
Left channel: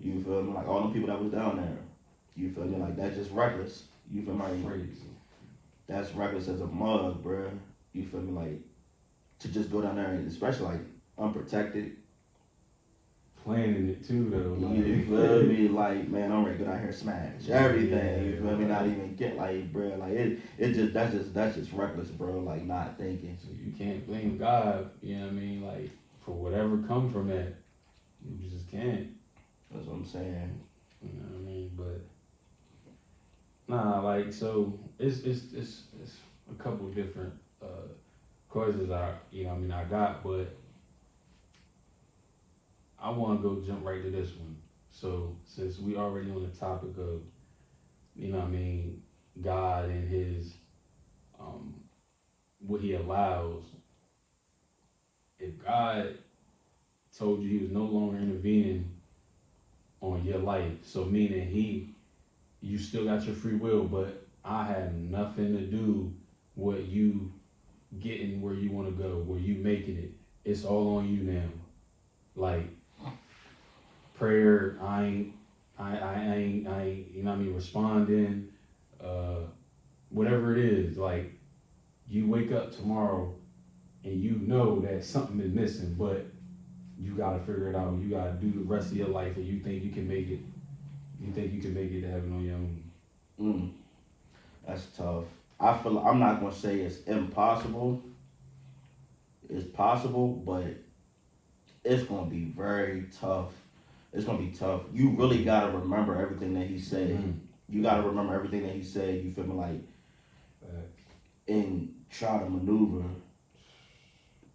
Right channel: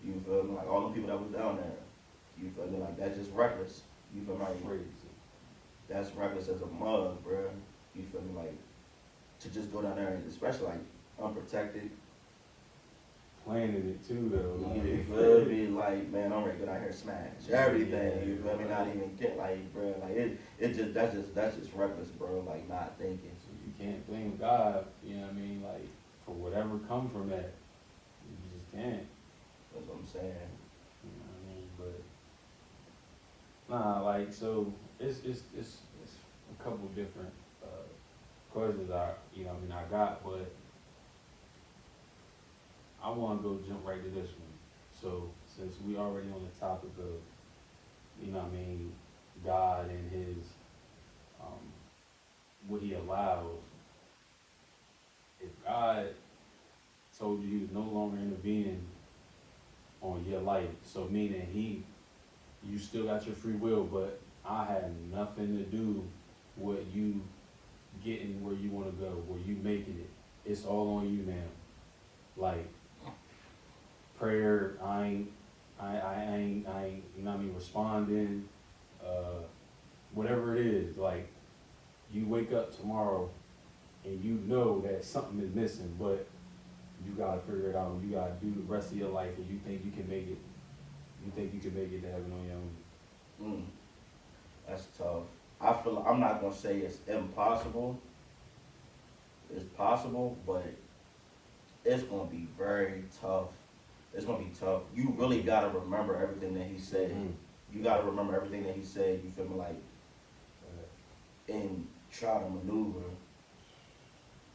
You feel me? Like, all them people that was down there. You feel me? Like, that's just reckless. You feel me? Like, Crazy. that's reckless as a mug, bro. You feel me? Like, to just go down there, and especially like unprotected. Planning it too, though. Like. You feel me? Like, man, I'm ready to go down here and smash everything. You feel me? Not even get like, bro. Like, that's just reckless, bro. Like, not thinking. So you can't blame God. You know what I mean? Like, for whatever come from that, you just can't. That's what I'm saying. You know what I mean? But nah, like, so it's a couple of different questions I got, but I want to go jump right to this one. So since we already on the topic of, you know what I mean, God and his, what he allows, if God told you he was no longer intervening on your life, so meaning you still got your free will, but I have nothing to do with you getting where you want to go, where you making it. It's all on you now. Like, prayer, I ain't, you know what I mean, responding, whatever it is, like, you wake up tomorrow and you know that something is missing, but you gotta figure it out. You gotta do the rest of your life, and you think you can make it. You think you can make it to heaven on your own. That's tough. I feel like, I'm not gonna say it's impossible. It's possible, but it's gonna be very tough. It's gonna be tough. You really gotta remember everything that he said. Mm-hmm. You gotta remember everything that he said. You feel me? Like, and try to maneuver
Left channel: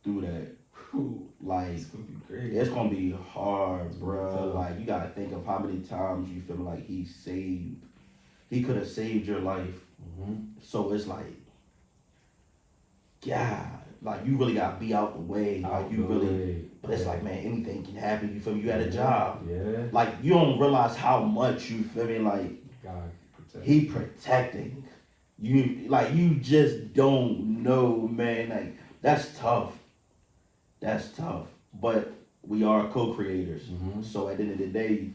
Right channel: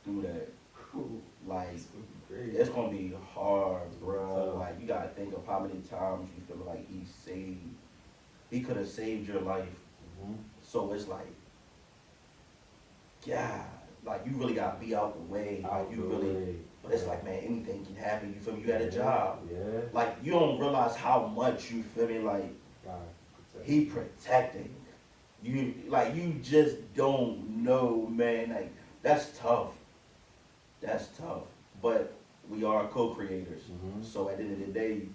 through that. Like, it's gonna be hard, bro. Like, you gotta think of how many times, you feel me, like he could have saved your life. Mm-hmm. So it's like, God, like, you really gotta be out the way. But it's like, man, anything can happen. You feel me? You had a job. Yeah. Like, you don't realize how much, you feel me, like, he protecting you. Like, you just don't know, man. Like, that's tough. That's tough. But we are co-creators. Mm-hmm. So at the end of the day,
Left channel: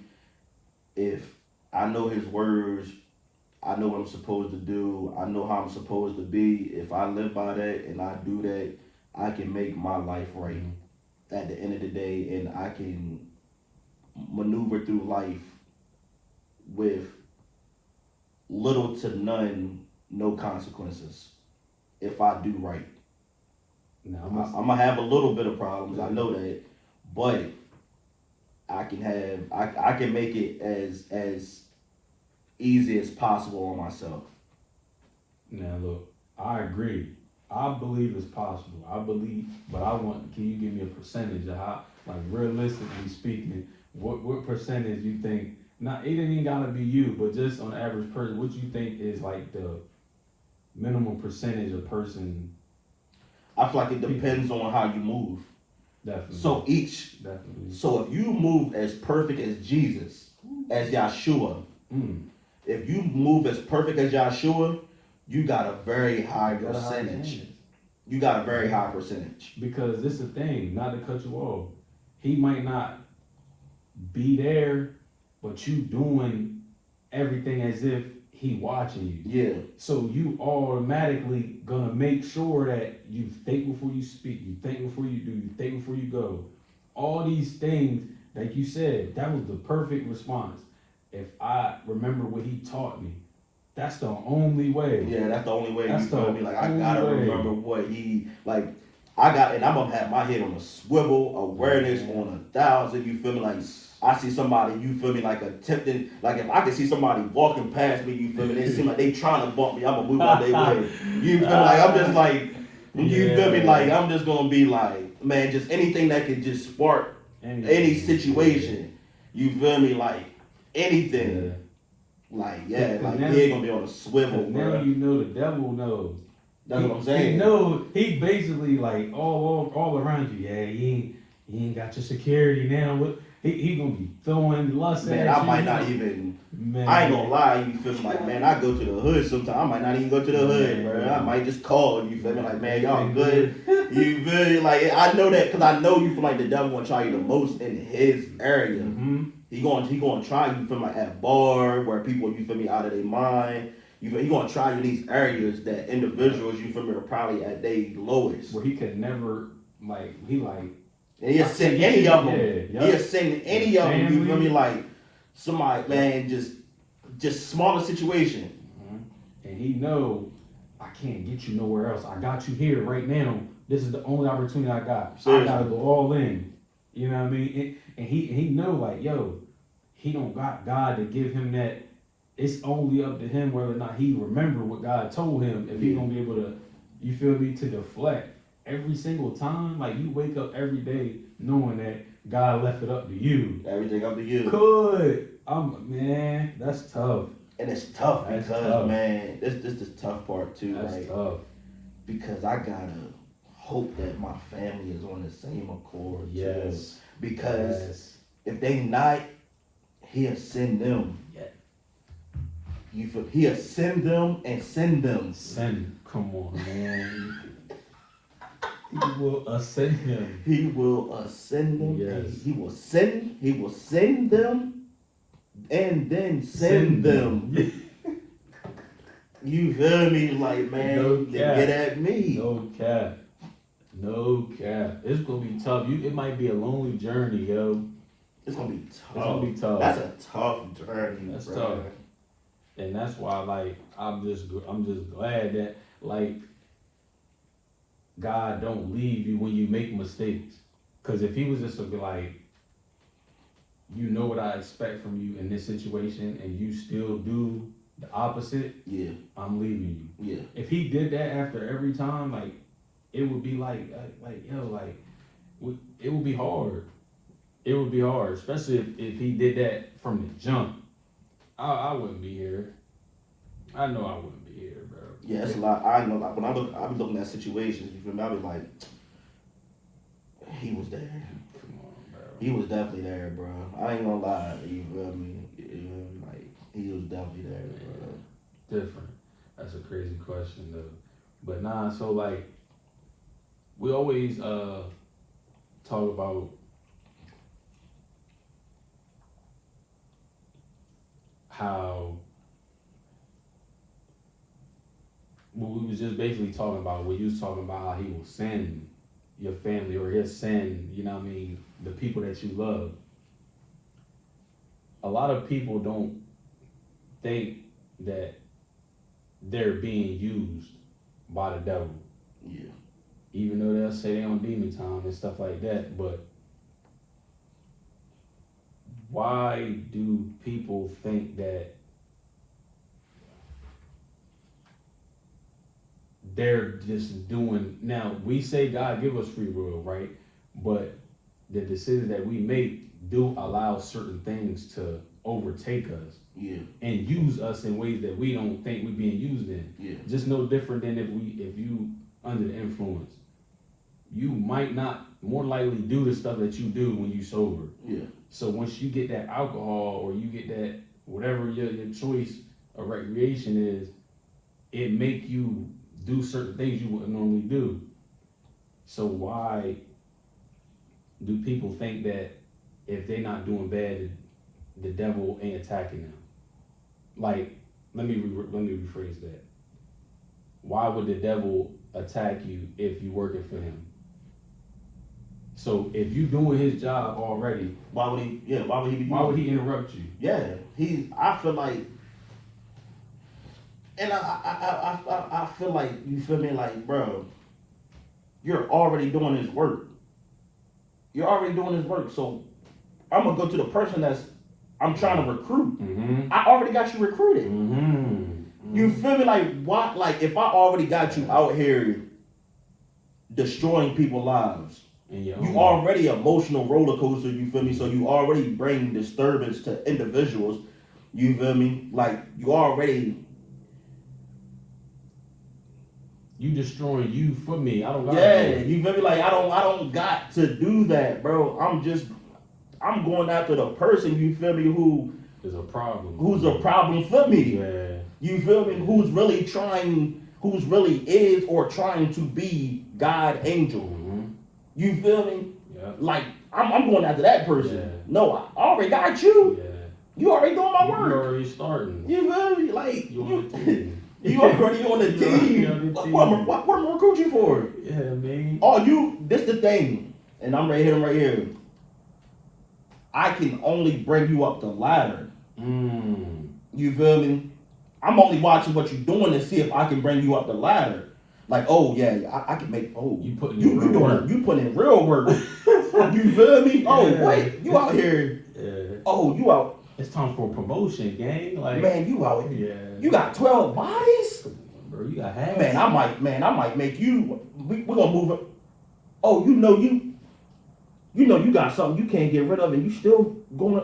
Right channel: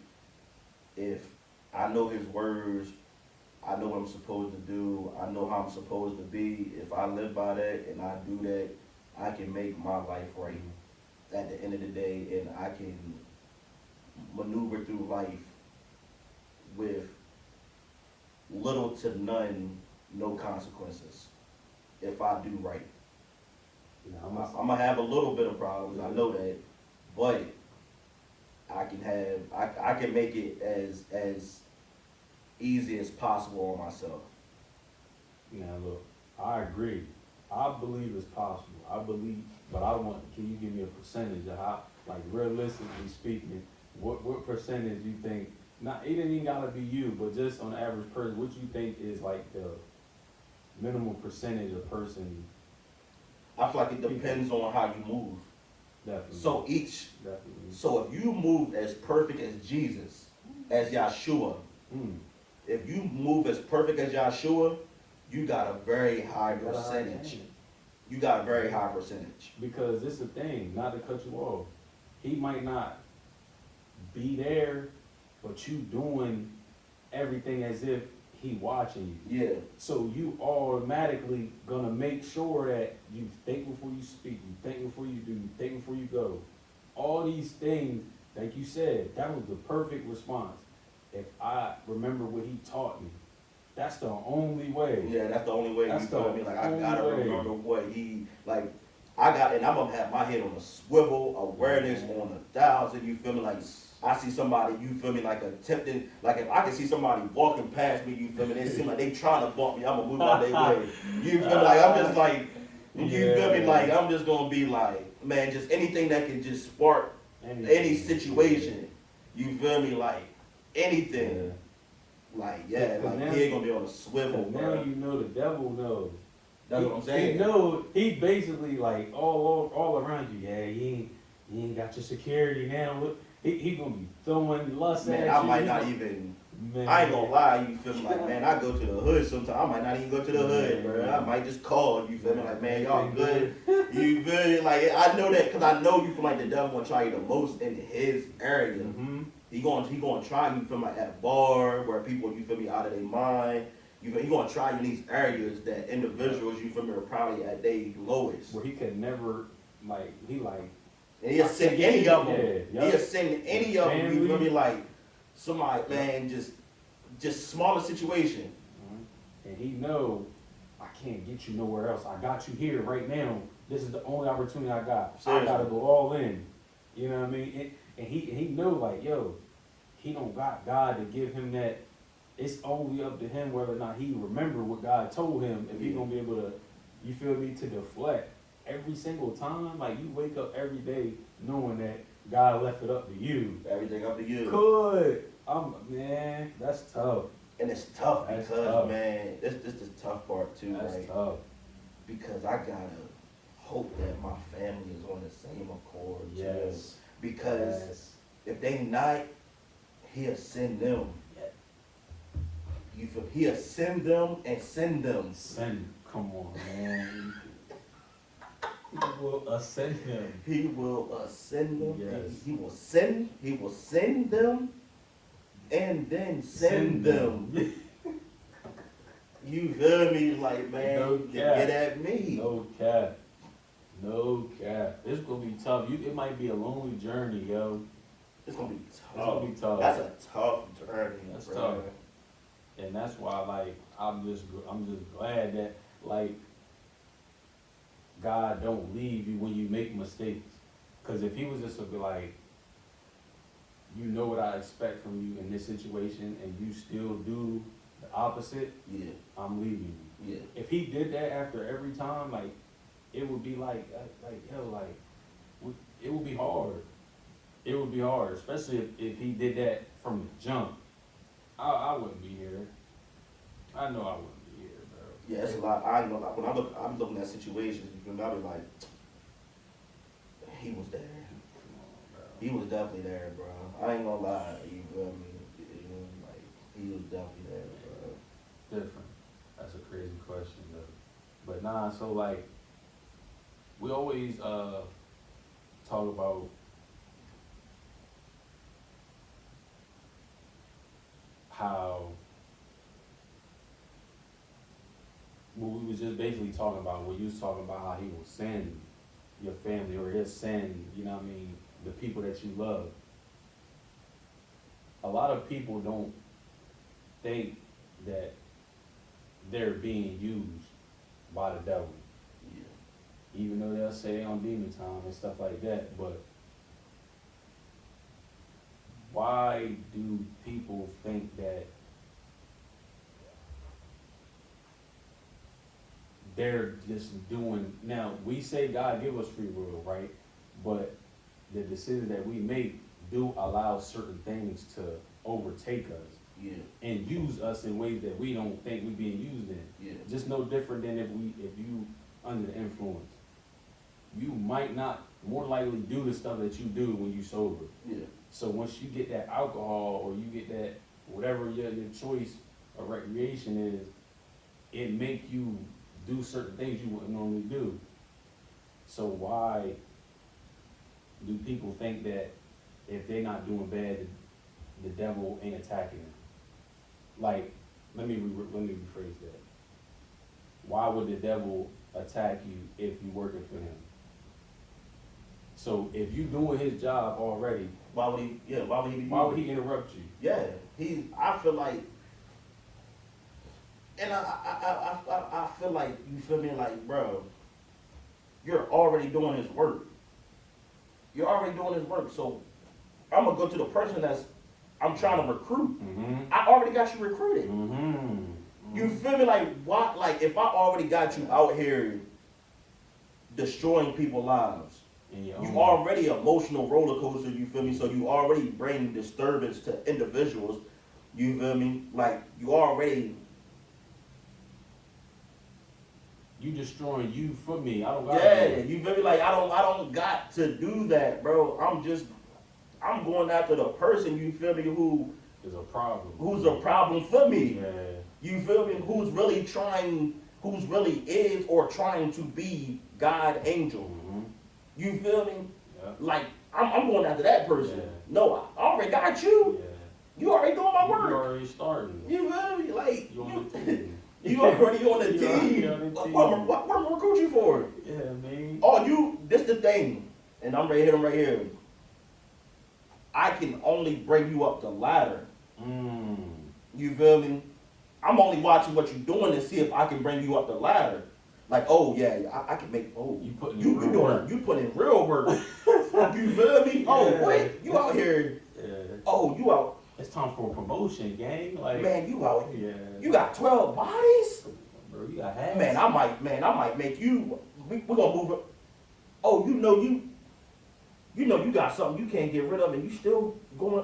if I know his words, I know what I'm supposed to do, I know how I'm supposed to be. If I live by that and I do that, I can make my life right at the end of the day, and I can maneuver through life with little to none, no consequences if I do right. I'm gonna have a little bit of problems, I know that, but I can make it as easy as possible on myself. Now look, I agree. I believe it's possible. I believe, but can you give me a percentage of how, like, realistically speaking, what percentage you think not it ain't even gotta be you, but just on the average person, what you think is like the minimum percentage of person? I feel like it depends on how you move. Definitely. So so if you move as perfect as Jesus, as Yahshua, if you move as perfect as Yahshua, you got a very high percentage. You got a very high percentage. Because this is the thing, not to cut you off. He might not be there, but you doing everything as if he watching you. Yeah. So you automatically gonna make sure that you think before you speak, you think before you do, you think before you go. All these things, like you said, that was the perfect response. If I remember what he taught me, that's the only way. Yeah, that's the only way. That's you feel me? Like I gotta remember what he like. And I'm gonna have my head on a swivel, awareness on 1,000. You feel me? Like I see somebody, you feel me? Like attempting, like if I can see somebody walking past me, you feel me? They seem like they trying to bump me. I'm gonna move out their way. You feel like I'm just like, you feel me? Like I'm just gonna be like, man, just anything that can just spark any situation. You feel me? Like anything. Yeah. Like like he ain't gonna be on a swivel. Now you know the devil knows. That's what I'm saying. He knows. He basically like all around you. Yeah, he ain't got your security now. He gonna be throwing lust at you. Man, I might not even. Man. I ain't gonna lie. You feel me? Like, man, I go to the hood sometimes. I might not even go to the hood, bro. I might just call. You feel me? Like, man, y'all good. You feel me? Like, I know that because I know you feel like the devil gonna try you the most in his area. He gonna try you, feel me, like at bar where people, you feel me, out of their mind. He gonna try you in these areas that individuals, you feel me, are probably at their lowest. Where he could never, and he'll send any of them. Yeah. He'll send any of them, you feel me, like somebody, man, just smaller situation. And he know, I can't get you nowhere else. I got you here right now. This is the only opportunity I got. Seriously. I gotta go all in. You know what I mean? And he know, like, yo, he don't got God to give him that. It's only up to him whether or not he remember what God told him. If he gonna be able to, you feel me, to deflect every single time. Like, you wake up every day knowing that God left it up to you. Everything up to you. Good. Man, that's tough. And it's tough because, man, this is the tough part too. That's tough. Because I gotta hope that my family is on the same accord too. Because if they not, he'll send them. He'll send them and send them. Come on, man. He will ascend him. He will ascend them. Yes. He will send them and then send them. You feel me? Like, man, no get at me. No cap. It's gonna be tough. It might be a lonely journey, yo. It's gonna be tough. That's a tough journey. That's tough. And that's why, like, I'm just glad that, like, God don't leave you when you make mistakes. Because if he was just to be like, you know what I expect from you in this situation, and you still do the opposite, I'm leaving you. Yeah. If he did that after every time, like, it would be it would be hard. It would be hard, especially if he did that from the jump. I wouldn't be here. I know I wouldn't be here, bro. Yeah, it's a lot. I know when I'm looking at situations, you feel me? I be like, he was there. Come on, bro. He was definitely there, bro. I ain't gonna lie. You feel me? Like, he was definitely there, bro. Different. That's a crazy question, though. But nah, so like, we always talk about how what we was just basically talking about, what you was talking about, how he will send your family, or he'll send, you know what I mean, the people that you love. A lot of people don't think that they're being used by the devil. Yeah. Even though they'll say they on demon time and stuff like that, but why do people think that they're just doing, now we say God give us free will, right? But the decisions that we make do allow certain things to overtake us Yeah, and use us in ways that we don't think we're being used in. yeah, Just no different than if you under the influence. You might not more likely do the stuff that you do when you sober. yeah, So once you get that alcohol or you get that whatever your choice of recreation is, it make you do certain things you wouldn't normally do. So why do people think that if they're not doing bad, the devil ain't attacking them? Like, let me rephrase that. Why would the devil attack you if you working for him? So if you doing his job already, why would he? Yeah, why would he be? why would he interrupt you? Yeah, I feel like, and I feel like, you feel me, like, bro, you're already doing his work. You're already doing his work. So I'm gonna go to the person that's I'm trying to recruit. Mm-hmm. I already got you recruited. Mm-hmm. You feel me? Like, what? Like, if I already got you out here destroying people's lives, you already emotional roller coaster. You feel me? So you already bring disturbance to individuals. You feel me? Like, you already. You destroying you for me. I don't got Yeah, you feel me? Like, I don't got to do that, bro. I'm going after the person, you feel me, There's a problem. who's a problem for me. Yeah. You feel me? Who's really is or trying to be God angel. Mm-hmm. You feel me? Yeah. Like, I'm going after that person. Yeah. No, I already got you. Yeah. You already doing my You work. already starting. You feel me? Like, You on the team. you already on the You already team. on the team. What am I recruit you for? Yeah, man. Oh, this the thing, and I'm right here. I can only bring you up the ladder. You feel me? I'm only watching what you're doing to see if I can bring you up the ladder. Like, oh yeah, I can make. Oh, You putting you in real work. You put in real work. You feel me? Oh Yeah. wait, you out here? Yeah. Oh, you out? It's time for a promotion, gang. Like, Man, you out? Yeah. You got 12 bodies? Bro, you got half. Man, I might make you. We're gonna move it. Oh, you know you got something you can't get rid of, and you still doing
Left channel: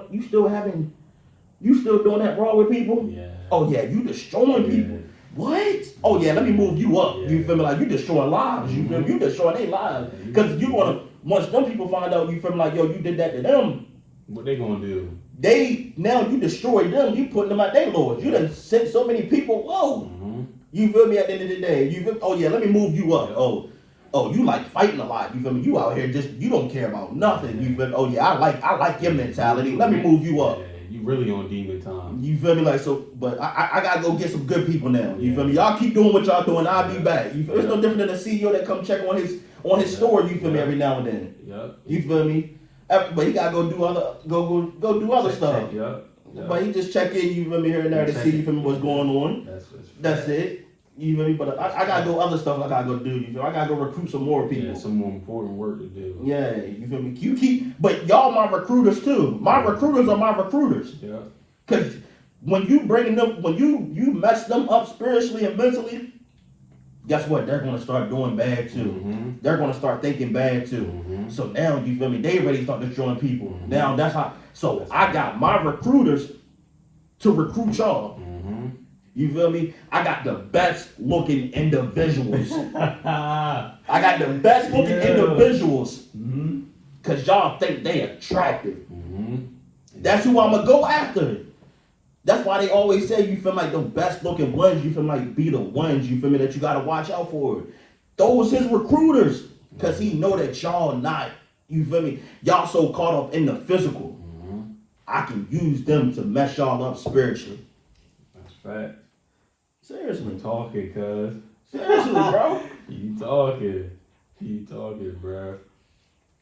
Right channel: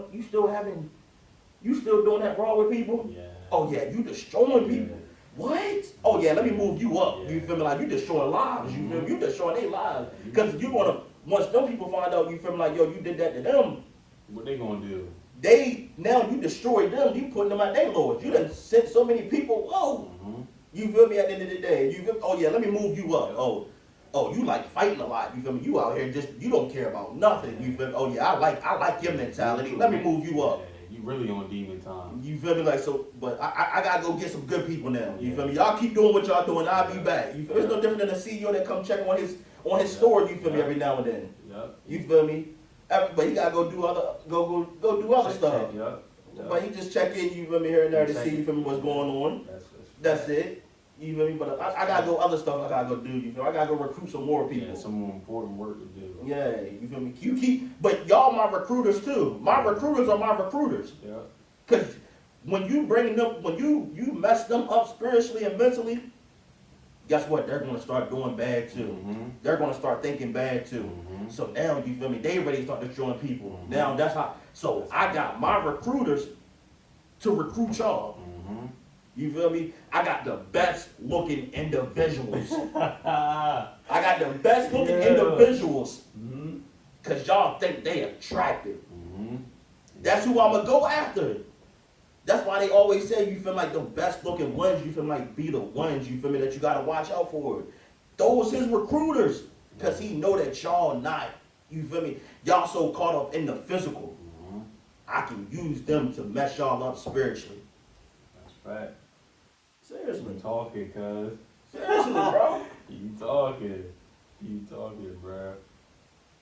that wrong with people. Yeah. Oh yeah, you destroying people. What? Oh yeah, let me move you up. Yeah. You feel me? Like, you destroying lives. You feel me? You destroying their lives. Because you wanna, once them people find out, you feel me, like, yo, you did that to them. What they gonna do? Now you destroyed them. You putting them at their lords. You done sent so many people. Whoa. Mm-hmm. You feel me? At the end of the day, you feel, oh yeah, let me move you up. Yeah. Oh, you like fighting a lot. You feel me? You out here you don't care about nothing. You feel me? Oh yeah, I like your mentality. Let me move you up. Yeah, you really on demon time. You feel me? Like, so, but I gotta go get some good people now. You Yeah. feel me? Y'all keep doing what y'all doing. I'll be back. You feel? It's no different than a CEO that come check on his store. You feel me? Every now and then. Yep. You feel me? But he gotta go do other stuff. Yep. But he just check in. You feel me? Here and there to see, you feel me, what's going on. That's it. You feel me? But I gotta go other stuff I gotta go do. You feel me? I gotta go recruit some more people. Yeah, some more important work to do. Yeah, you feel me? But y'all my recruiters too. My recruiters are my recruiters. Yeah. Cause when you bring them, when you mess them up spiritually and mentally, guess what? They're gonna start doing bad too. Mm-hmm. They're gonna start thinking bad too. Mm-hmm. So now, you feel me? They ready to start destroying people. Mm-hmm. Now that's how. So I got my recruiters to recruit y'all. Mm-hmm. You feel me? I got the best looking individuals. I got the best looking individuals. Mm-hmm. Cause y'all think they attractive. Mm-hmm. That's who I'm gonna go after. That's why they always say, you feel like the best looking ones, you feel like be the ones, you feel me, that you gotta watch out for. Those his recruiters. Cause he know that y'all not, you feel me, y'all so caught up in the physical. Mm-hmm. I can use them to mess y'all up spiritually. That's fact. Seriously. You talking, cuz. Seriously, bro. You talking, bruh.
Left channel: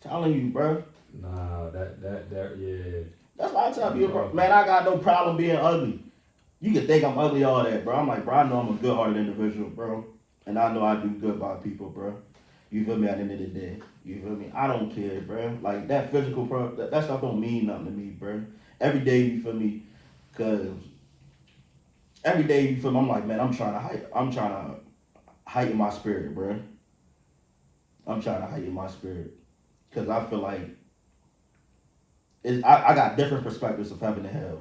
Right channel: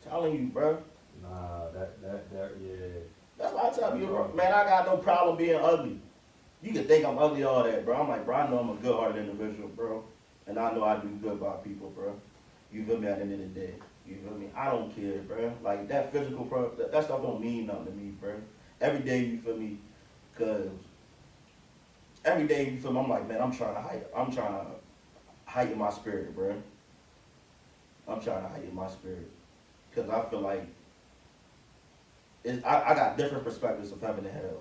Telling you, bro. Nah, that, yeah. That's why I tell you, bro. Man, I got no problem being ugly. You can think I'm ugly, all that, bro. I'm like, bro, I know I'm a good-hearted individual, bro. And I know I do good by people, bro. You feel me? At the end of the day. You feel me? I don't care, bro. Like, that physical, bro, that stuff don't mean nothing to me, bro. Every day, you feel me? Because every day, you feel me? I'm like, man, I'm trying to heighten my spirit, bro. I'm trying to heighten my spirit. Because I feel like I got different perspectives of heaven and hell.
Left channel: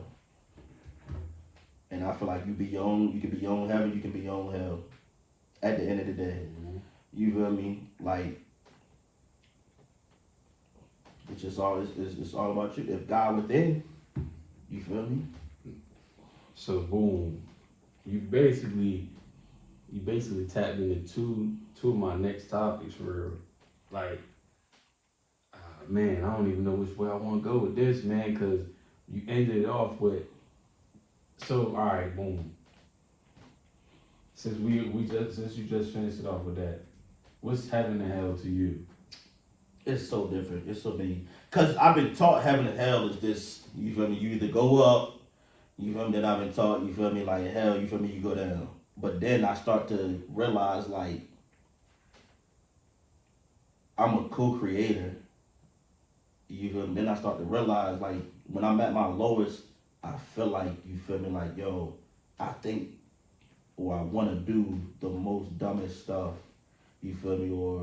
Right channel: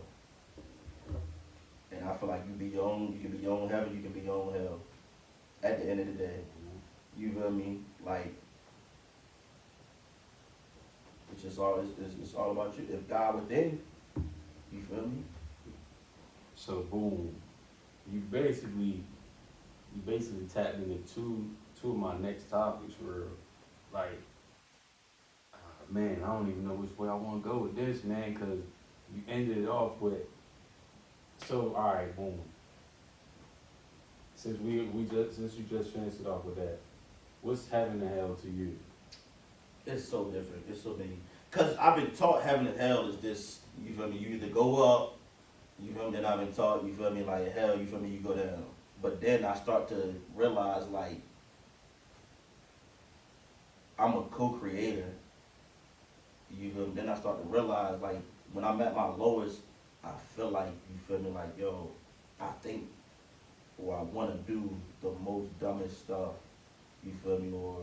And I feel like you can be your own heaven, you can be your own hell. At the end of the day. You feel me? Like, it's all about you. If God within, you feel me? So boom, you basically tapped into two of my next topics where, like, man, I don't even know which way I want to go with this, man, because you ended it off with. So all right, boom. Since you just finished it off with that, what's heaven and hell to you? It's so different. It's so many. Cause I've been taught heaven and hell is this. You feel me? You either go up. You feel me? Then I've been taught. You feel me? Like hell. You feel me? You go down. But then I start to realize like I'm a co-creator. You feel me? Then I start to realize like when I'm at my lowest, I feel like you feel me? Like yo, I think or I want to do the most dumbest stuff. You feel me? Or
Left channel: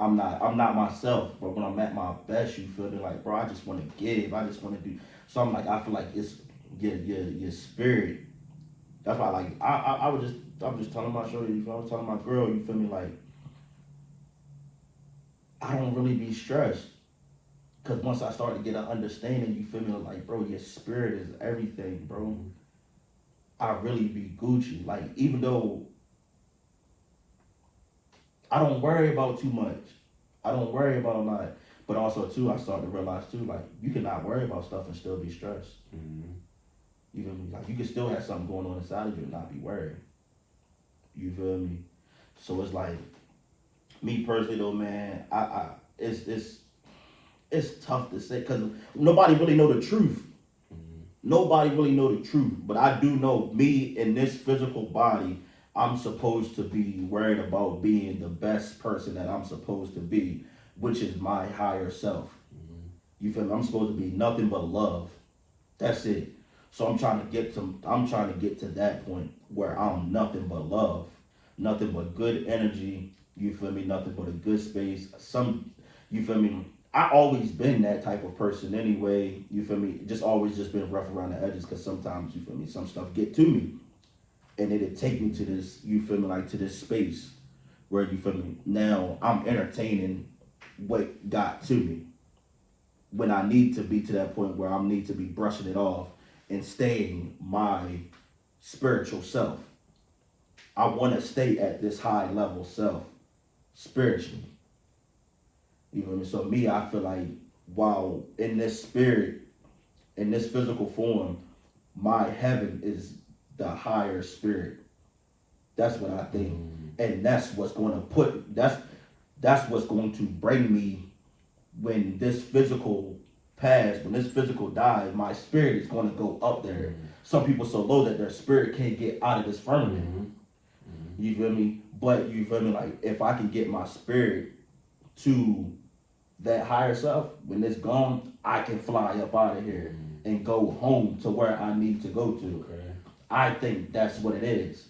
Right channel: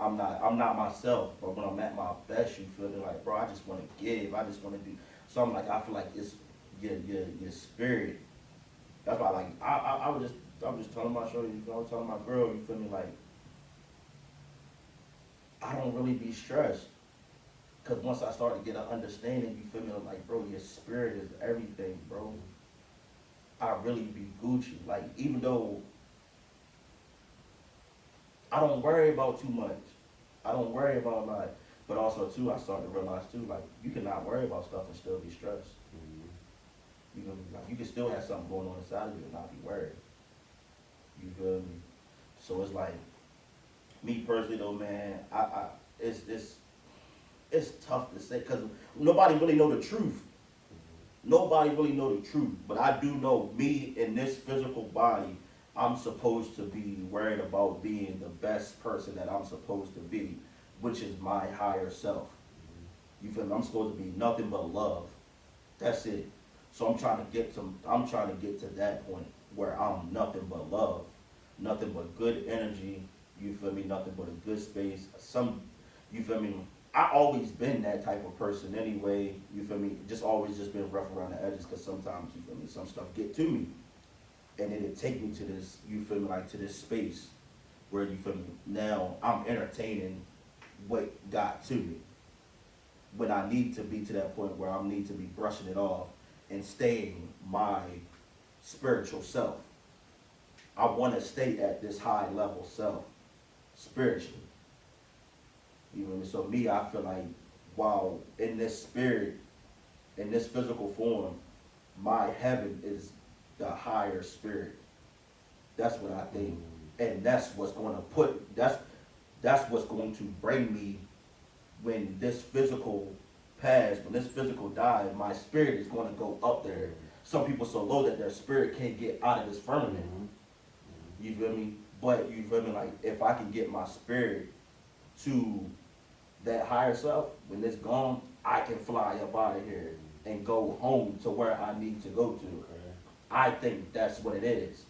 I'm not myself, but when I'm at my best, you feel me? Like, bro, I just want to give. I just want to do. So I'm like, I feel like it's your spirit. That's why, like, I'm just telling my shorty, you feel me? I was telling my girl, you feel me? Like, I don't really be stressed. Because once I start to get an understanding, you feel me? Like, bro, your spirit is everything, bro. I really be Gucci. Like, even though I don't worry about too much. I don't worry about like, but also too, I start to realize too, like you cannot worry about stuff and still be stressed. You feel me? Like you can still have something going on inside of you and not be worried. You feel me? So it's like, me personally though, man, it's tough to say because nobody really know the truth. Nobody really know the truth, but I do know me in this physical body. I'm supposed to be worried about being the best person that I'm supposed to be, which is my higher self. You feel me? I'm supposed to be nothing but love. That's it. So I'm trying to get to that point where I'm nothing but love, nothing but good energy. You feel me? Nothing but a good space. You feel me? I always been that type of person anyway. You feel me? Just always just been rough around the edges because sometimes you feel me. Some stuff get to me. And it'd take me to this, you feel me, like to this space where you feel me. Now I'm entertaining what got to me. When I need to be to that point where I need to be brushing it off and staying my spiritual self. I want to stay at this high level self spiritually. You know what I mean? So me, I feel like while in this spirit, in this physical form, my heaven is the higher spirit. That's what I think. And that's what's going to that's what's going to bring me when this physical passed, when this physical dies, my spirit is going to go up there. Some people so low that their spirit can't get out of this firmament. You feel me? But you feel me? Like if I can get my spirit to that higher self, when it's gone, I can fly up out of here and go home to where I need to go to. I think that's what it is.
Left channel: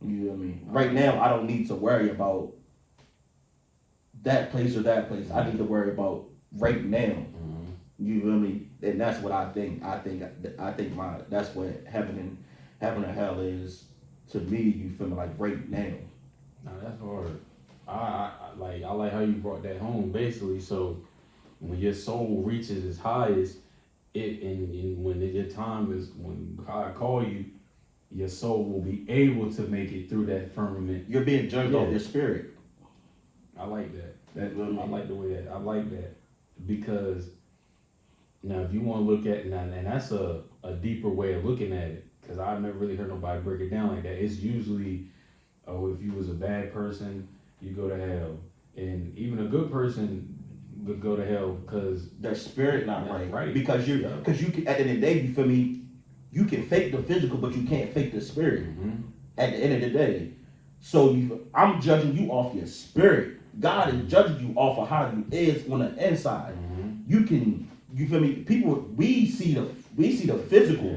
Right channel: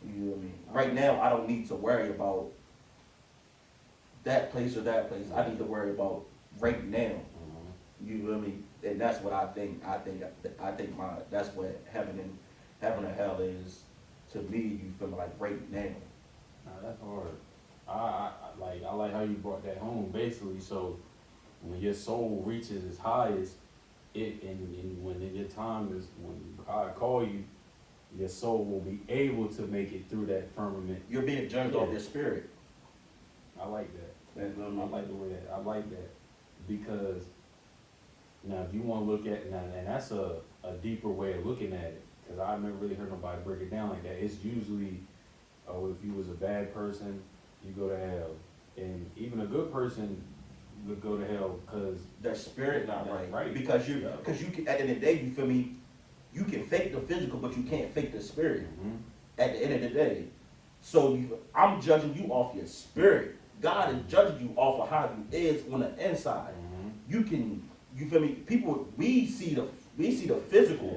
You know what I mean? Right now, I don't need to worry about that place or that place. I need to worry about right now. You feel me? And that's what I think. I think that's what heaven and hell is to me. You feel me? Like right now. Nah, that's hard. I like how you brought that home. Basically, so when your soul reaches its highest. And when your time is, when God call you, your soul will be able to make it through that firmament. You're being judged off your spirit. I like that. I like the way that. I like that because now if you want to look at and that's a deeper way of looking at it because I've never really heard nobody break it down like that. It's usually, if you was a bad person, you go to hell, and even a good person would go to hell because their spirit not right. Because you can, at the end of the day, you feel me, you can fake the physical, but you can't fake the spirit. At the end of the day, so I'm judging you off your spirit. God is judging you off of how you is on the inside. You feel me? People, we see the physical.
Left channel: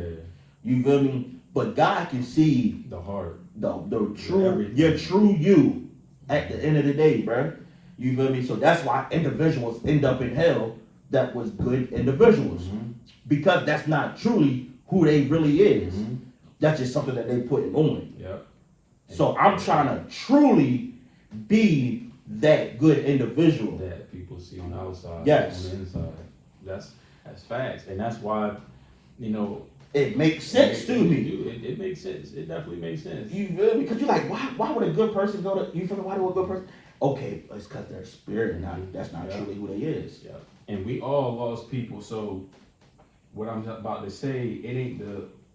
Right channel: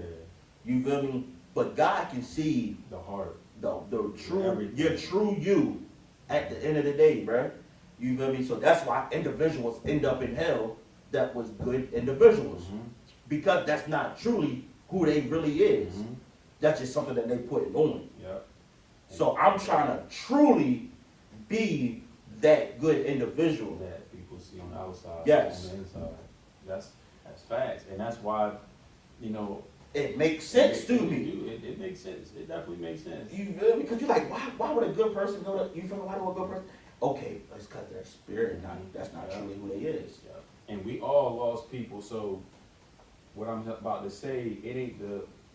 You feel me? But God can see the heart, the true, your true you. At the end of the day, bro. You feel me? So that's why individuals end up in hell that was good individuals. Because that's not truly who they really is. That's just something that they put on. Yep. So I'm trying to truly be that good individual that people see on the outside, Yes. on the inside. That's facts, and that's why, you know, it makes sense to me. It makes sense. It definitely makes sense. You feel me? Because you're like, why would a good person go to? You feel me? Why would a good person? Okay, it's because their spirit, that's not truly who they is. Yeah. And we all lost people. So what I'm about to say, it ain't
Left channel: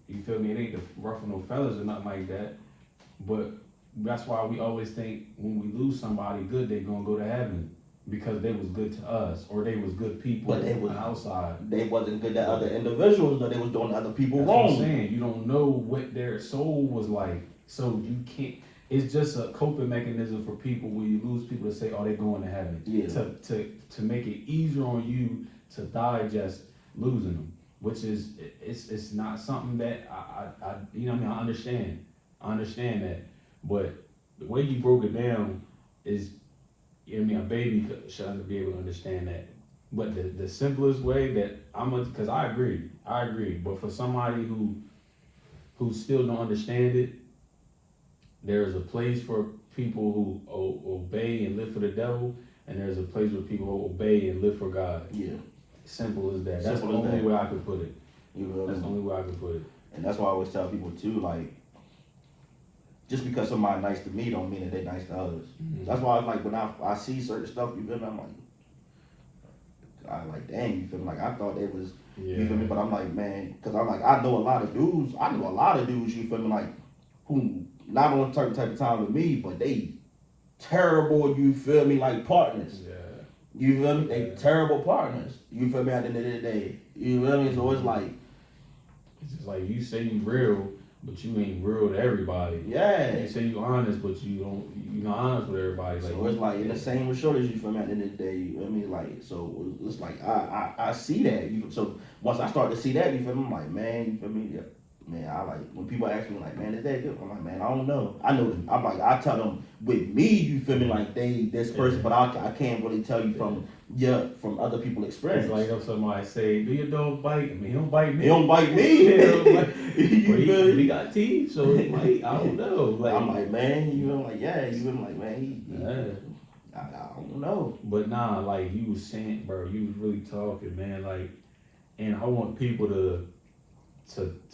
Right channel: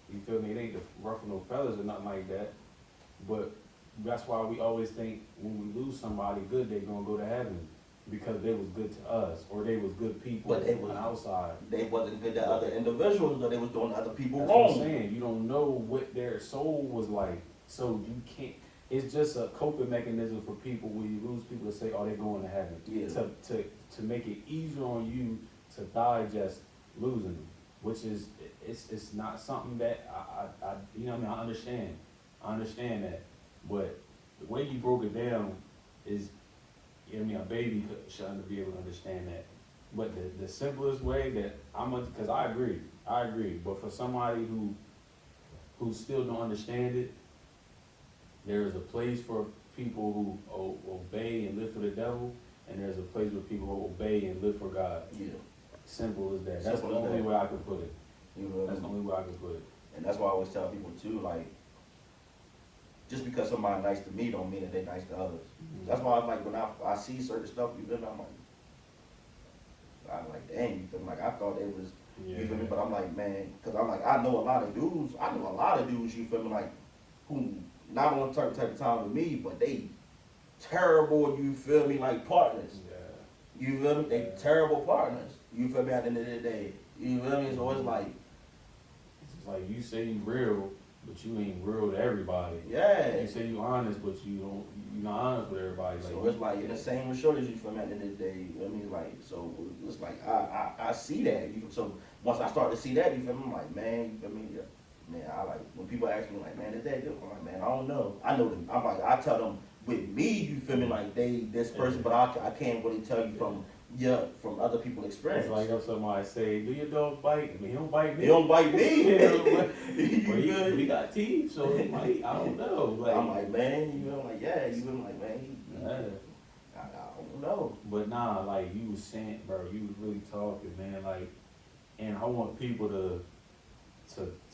you feel me? It ain't the ruffle no feathers or nothing like that. But that's why we always think when we lose somebody good, they gonna go to heaven because they was good to us or they was good people But they was on the outside. They wasn't good to other individuals, but they was doing other people That's wrong. what I'm saying. You don't know what their soul was like, so you can't. It's just a coping mechanism for people when you lose people to say, "Oh, they're going to heaven." Yeah. To make it easier on you to digest losing them, which is it's not something that I you know what I mean. I understand that, but the way you broke it down is, you know what I mean, a baby shouldn't be able to understand that. But the simplest way that because I agree, but for somebody who still don't understand it, there's a place for people who obey and live for the devil, and there's a place where people who obey and live for God. Yeah. Simple as that. That's the only way I could put it. You know, that's the only way I could put it. And that's why I always tell people too, like, just because somebody nice to me don't mean that they nice to others. That's why I like when I see certain stuff, you feel me? I'm like, dang, you feel me? Like I thought they was, you feel me? But I'm like, man, because I'm like, I know a lot of dudes, you feel me? Like, who not on a certain type of time with me, but they terrible, you feel me? Like partners. Yeah. You feel me? They terrible partners. You feel me? At the end of the day, you feel me? So it's like, it's just like you say you real, but you ain't real to everybody. yeah. You say you honest, but you're not honest with everybody. So it's like in the same with shortage, you feel me? At the end of the day, you know what I mean? Like, so it's like I see that. So once I start to see that, you feel me? I'm like, man, you feel me? Yeah. Man, I like when people ask me like, man, is that good? I'm like, man, I don't know. I know them. I'm like, I tell them with me, you feel me? Like they this person, but I can't really tell you from other people's experience. It's like if somebody say, "Do your dog bite?" He don't bite me. He don't bite me. He got teeth, so it's like I don't know. Like I'm like, man, you feel like you feel like, man, I don't know. But nah, like you was saying, bro, you was really talking, man. Like, and I want people to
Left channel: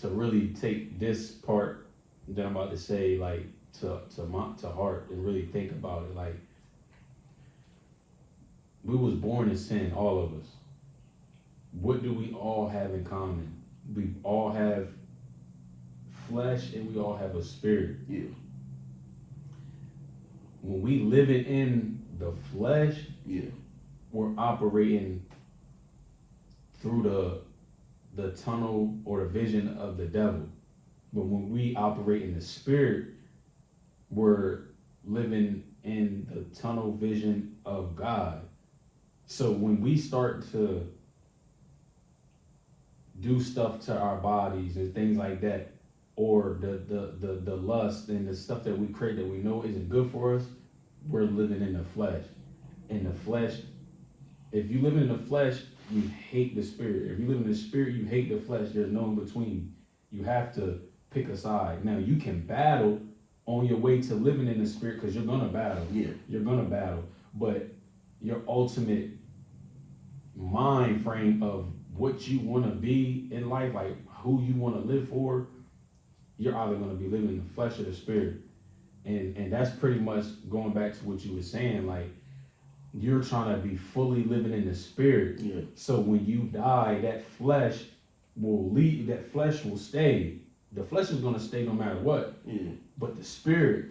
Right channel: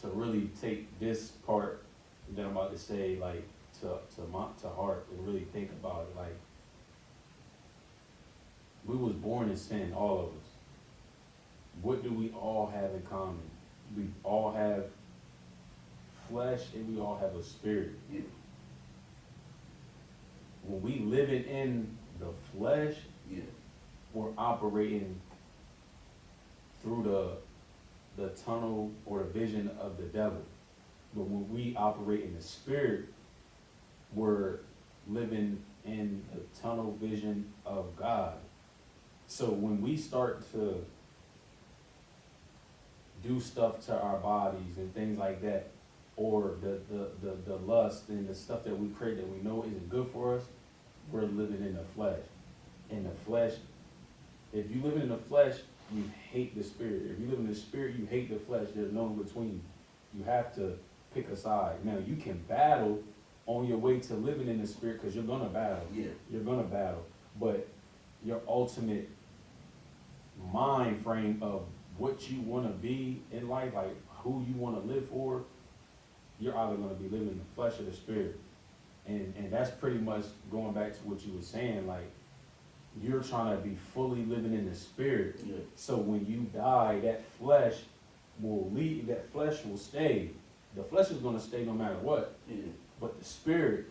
really take this part that I'm about to say, like, to heart and really think about it. Like, we was born in sin, all of us. What do we all have in common? We all have flesh and we all have a spirit. Yeah. When we live it in the flesh, we're operating through the tunnel or the vision of the devil. But when we operate in the spirit, we're living in the tunnel vision of God. So when we start to do stuff to our bodies and things like that, or the lust and the stuff that we create that we know isn't good for us, we're living in the flesh. In the flesh, if you live in the flesh, you hate the spirit. If you live in the spirit, you hate the flesh. There's no in between. You have to pick a side. Now, you can battle on your way to living in the spirit because you're going to battle. Yeah. You're going to battle. But your ultimate mind frame of what you want to be in life, like who you want to live for, you're either going to be living in the flesh or the spirit. And that's pretty much going back to what you were saying, like, you're trying to be fully living in the spirit. Yeah. So when you die, that flesh will leave, that flesh will stay. The flesh is going to stay no matter what. Yeah. But the spirit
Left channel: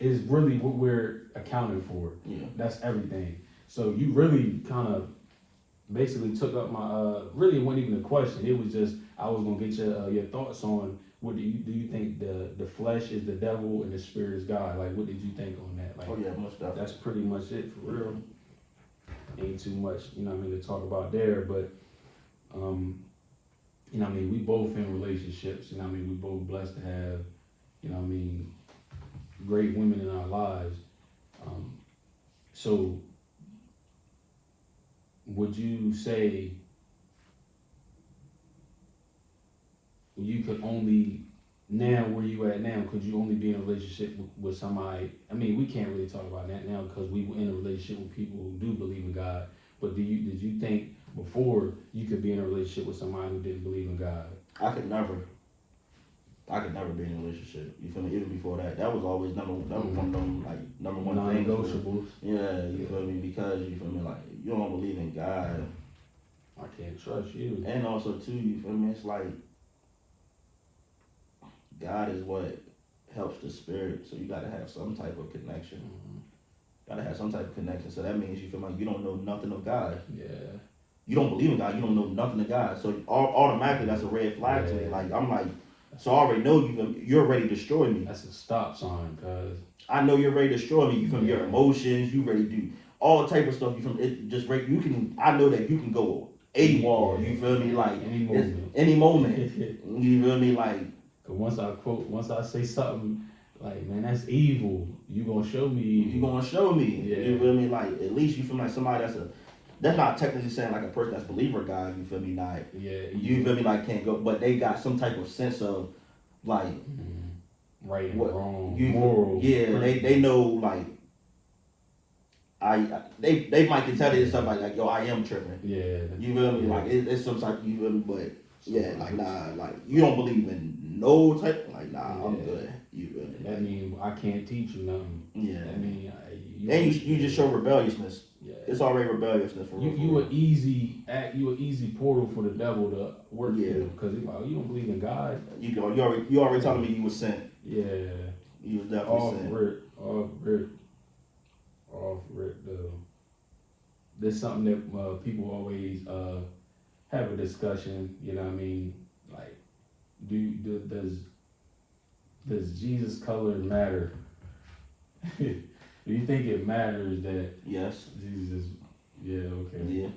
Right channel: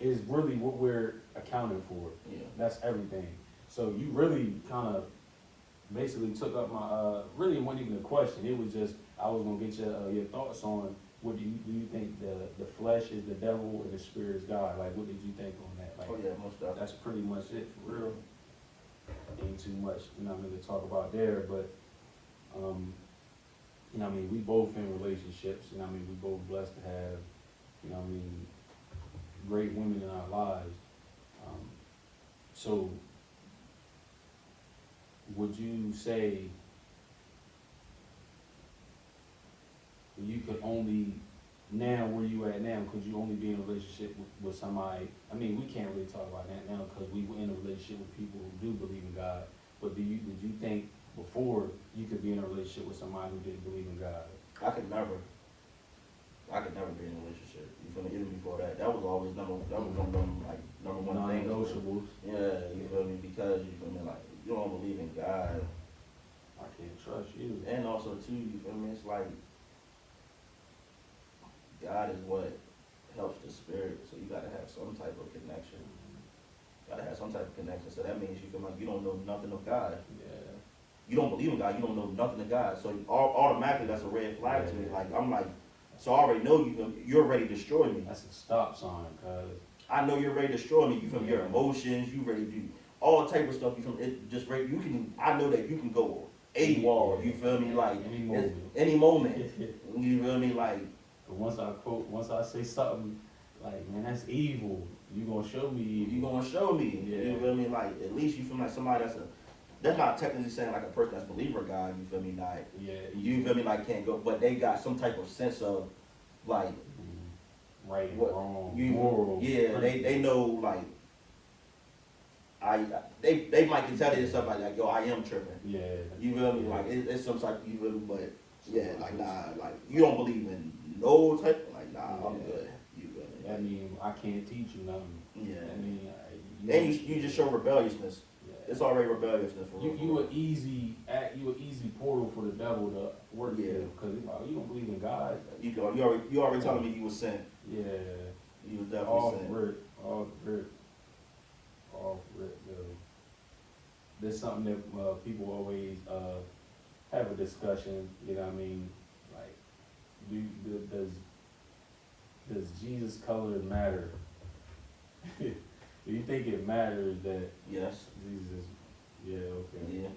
is really what we're accounting for. Yeah. That's everything. So you really kind of basically took up my, really it wasn't even a question. It was just, I was going to get your thoughts on what do you think the flesh is the devil and the spirit is God? Like, what did you think on that? Like, Oh yeah, most definitely. that's pretty much it for real. Ain't too much, you know what I mean, to talk about there, but, you know what I mean, we both in relationships, you know what I mean, we both blessed to have, you know what I mean, great women in our lives. So would you say you could only, now where you at now, could you only be in a relationship with somebody? I mean, we can't really talk about that now because we were in a relationship with people who do believe in God. But did you think before you could be in a relationship with somebody who didn't believe in God? I could never be in a relationship. You feel me? Even before that, that was always number one of them, like number one thing. Non-negotiables. Yeah, you feel me? Because you feel me, like you don't believe in God, I can't trust you. and also too, you feel me? It's like God is what helps the spirit, so you gotta have some type of connection. Gotta have some type of connection. So that means you feel like you don't know nothing of God. Yeah. You don't believe in God. You don't know nothing of God. So automatically, that's a red flag to me. Like I'm like, so I already know you're ready to destroy me. That's a stop sign, cause I know you're ready to destroy me. You from your emotions. You ready to do all type of stuff. You from it just right. You can. I know that you can go AWOL. You feel me? Like any moment. You feel me? Like once I say something like, man, that's evil, you gonna show me. You gonna show me. Yeah. You feel me? Like at least you feel like somebody that's not technically saying like a person that's believer God. You feel me? Not. Yeah. You feel me? Like can't go, but they got some type of sense of like right and wrong, moral. Yeah, they know like. They might can tell you something like yo, I am tripping. Yeah. You feel me? Like it's some type. You feel me? But yeah, like nah, like you don't believe in no type. Like nah, I'm good. You feel me? That mean I can't teach you nothing. Yeah. That mean and you just show rebelliousness. Yeah. It's already rebelliousness for you an easy portal for the devil to work through because you don't believe in God. You already telling me you was sent. Yeah. You was definitely sent. Off rip though. There's something that people always have a discussion. You know what I mean? Like, does Jesus' color matter? Do you think it matters that Yes. Jesus? Yeah. Okay. Yeah.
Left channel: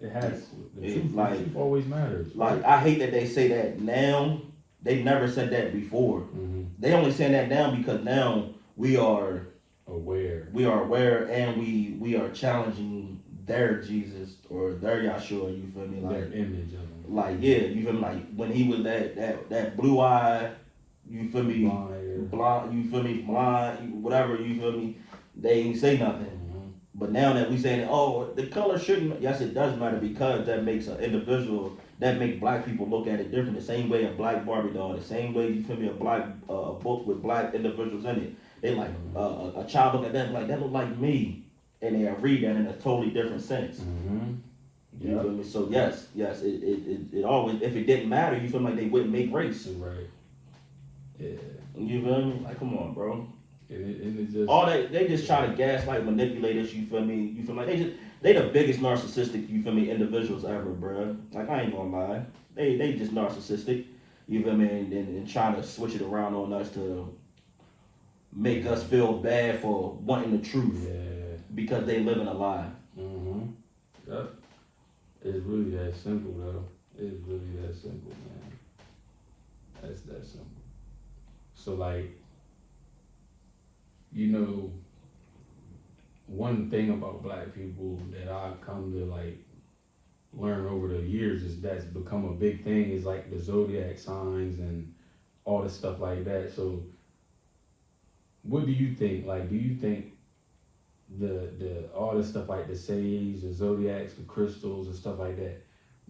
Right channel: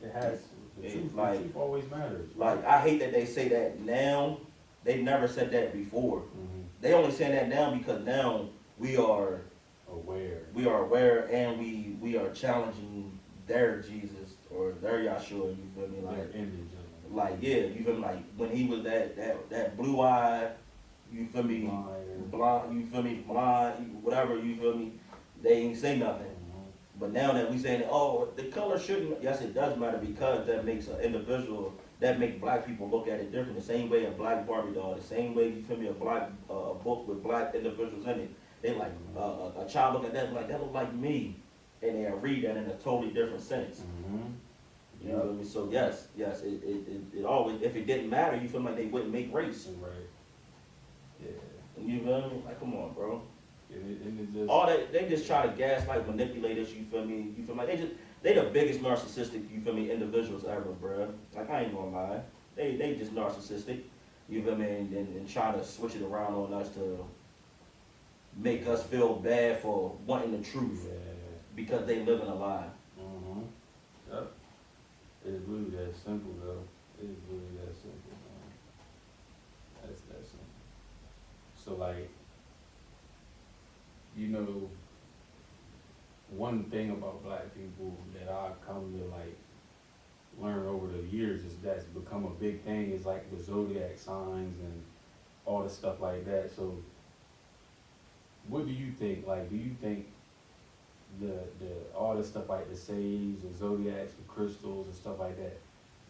It has. The truth always matters. Like I hate that they say that now. They never said that before. Mm-hmm. They only saying that now because now we are aware. We are aware, and we are challenging their Jesus or their Yahshua. You feel me? Like their image of him. Like yeah, you feel me? Like when he was that blue eye. You feel me? Blind. You feel me? Blind. Whatever. You feel me? They ain't say nothing. Mm-hmm. But now that we saying, oh, the color shouldn't. Yes, it does matter because that makes an individual. That make black people look at it different. The same way a black Barbie doll. The same way you feel me? A black book with black individuals in it. They like a child look at that like that look like me, and they read that in a totally different sense. Mm-hmm. You feel me? So yes, it always. If it didn't matter, you feel like they wouldn't make race. Right. Yeah. You feel me? Like, come on, bro. And it just, all that they just try to gaslight, manipulate us. You feel me? You feel like they the biggest narcissistic. You feel me? Individuals ever, bro. Like I ain't gonna lie, they just narcissistic. You feel me? And trying to switch it around on us to make us feel bad for wanting the truth because they living a lie. Mm-hmm. Yep. It's really that simple, though. It's really that simple, man. That's that simple. So, like, you know, one thing about black people that I've come to, like, learn over the years is that's become a big thing is, like, the zodiac signs and all the stuff like that. So, what do you think? Like, do you think the all the stuff like the sage, the zodiacs, the crystals, and stuff like that,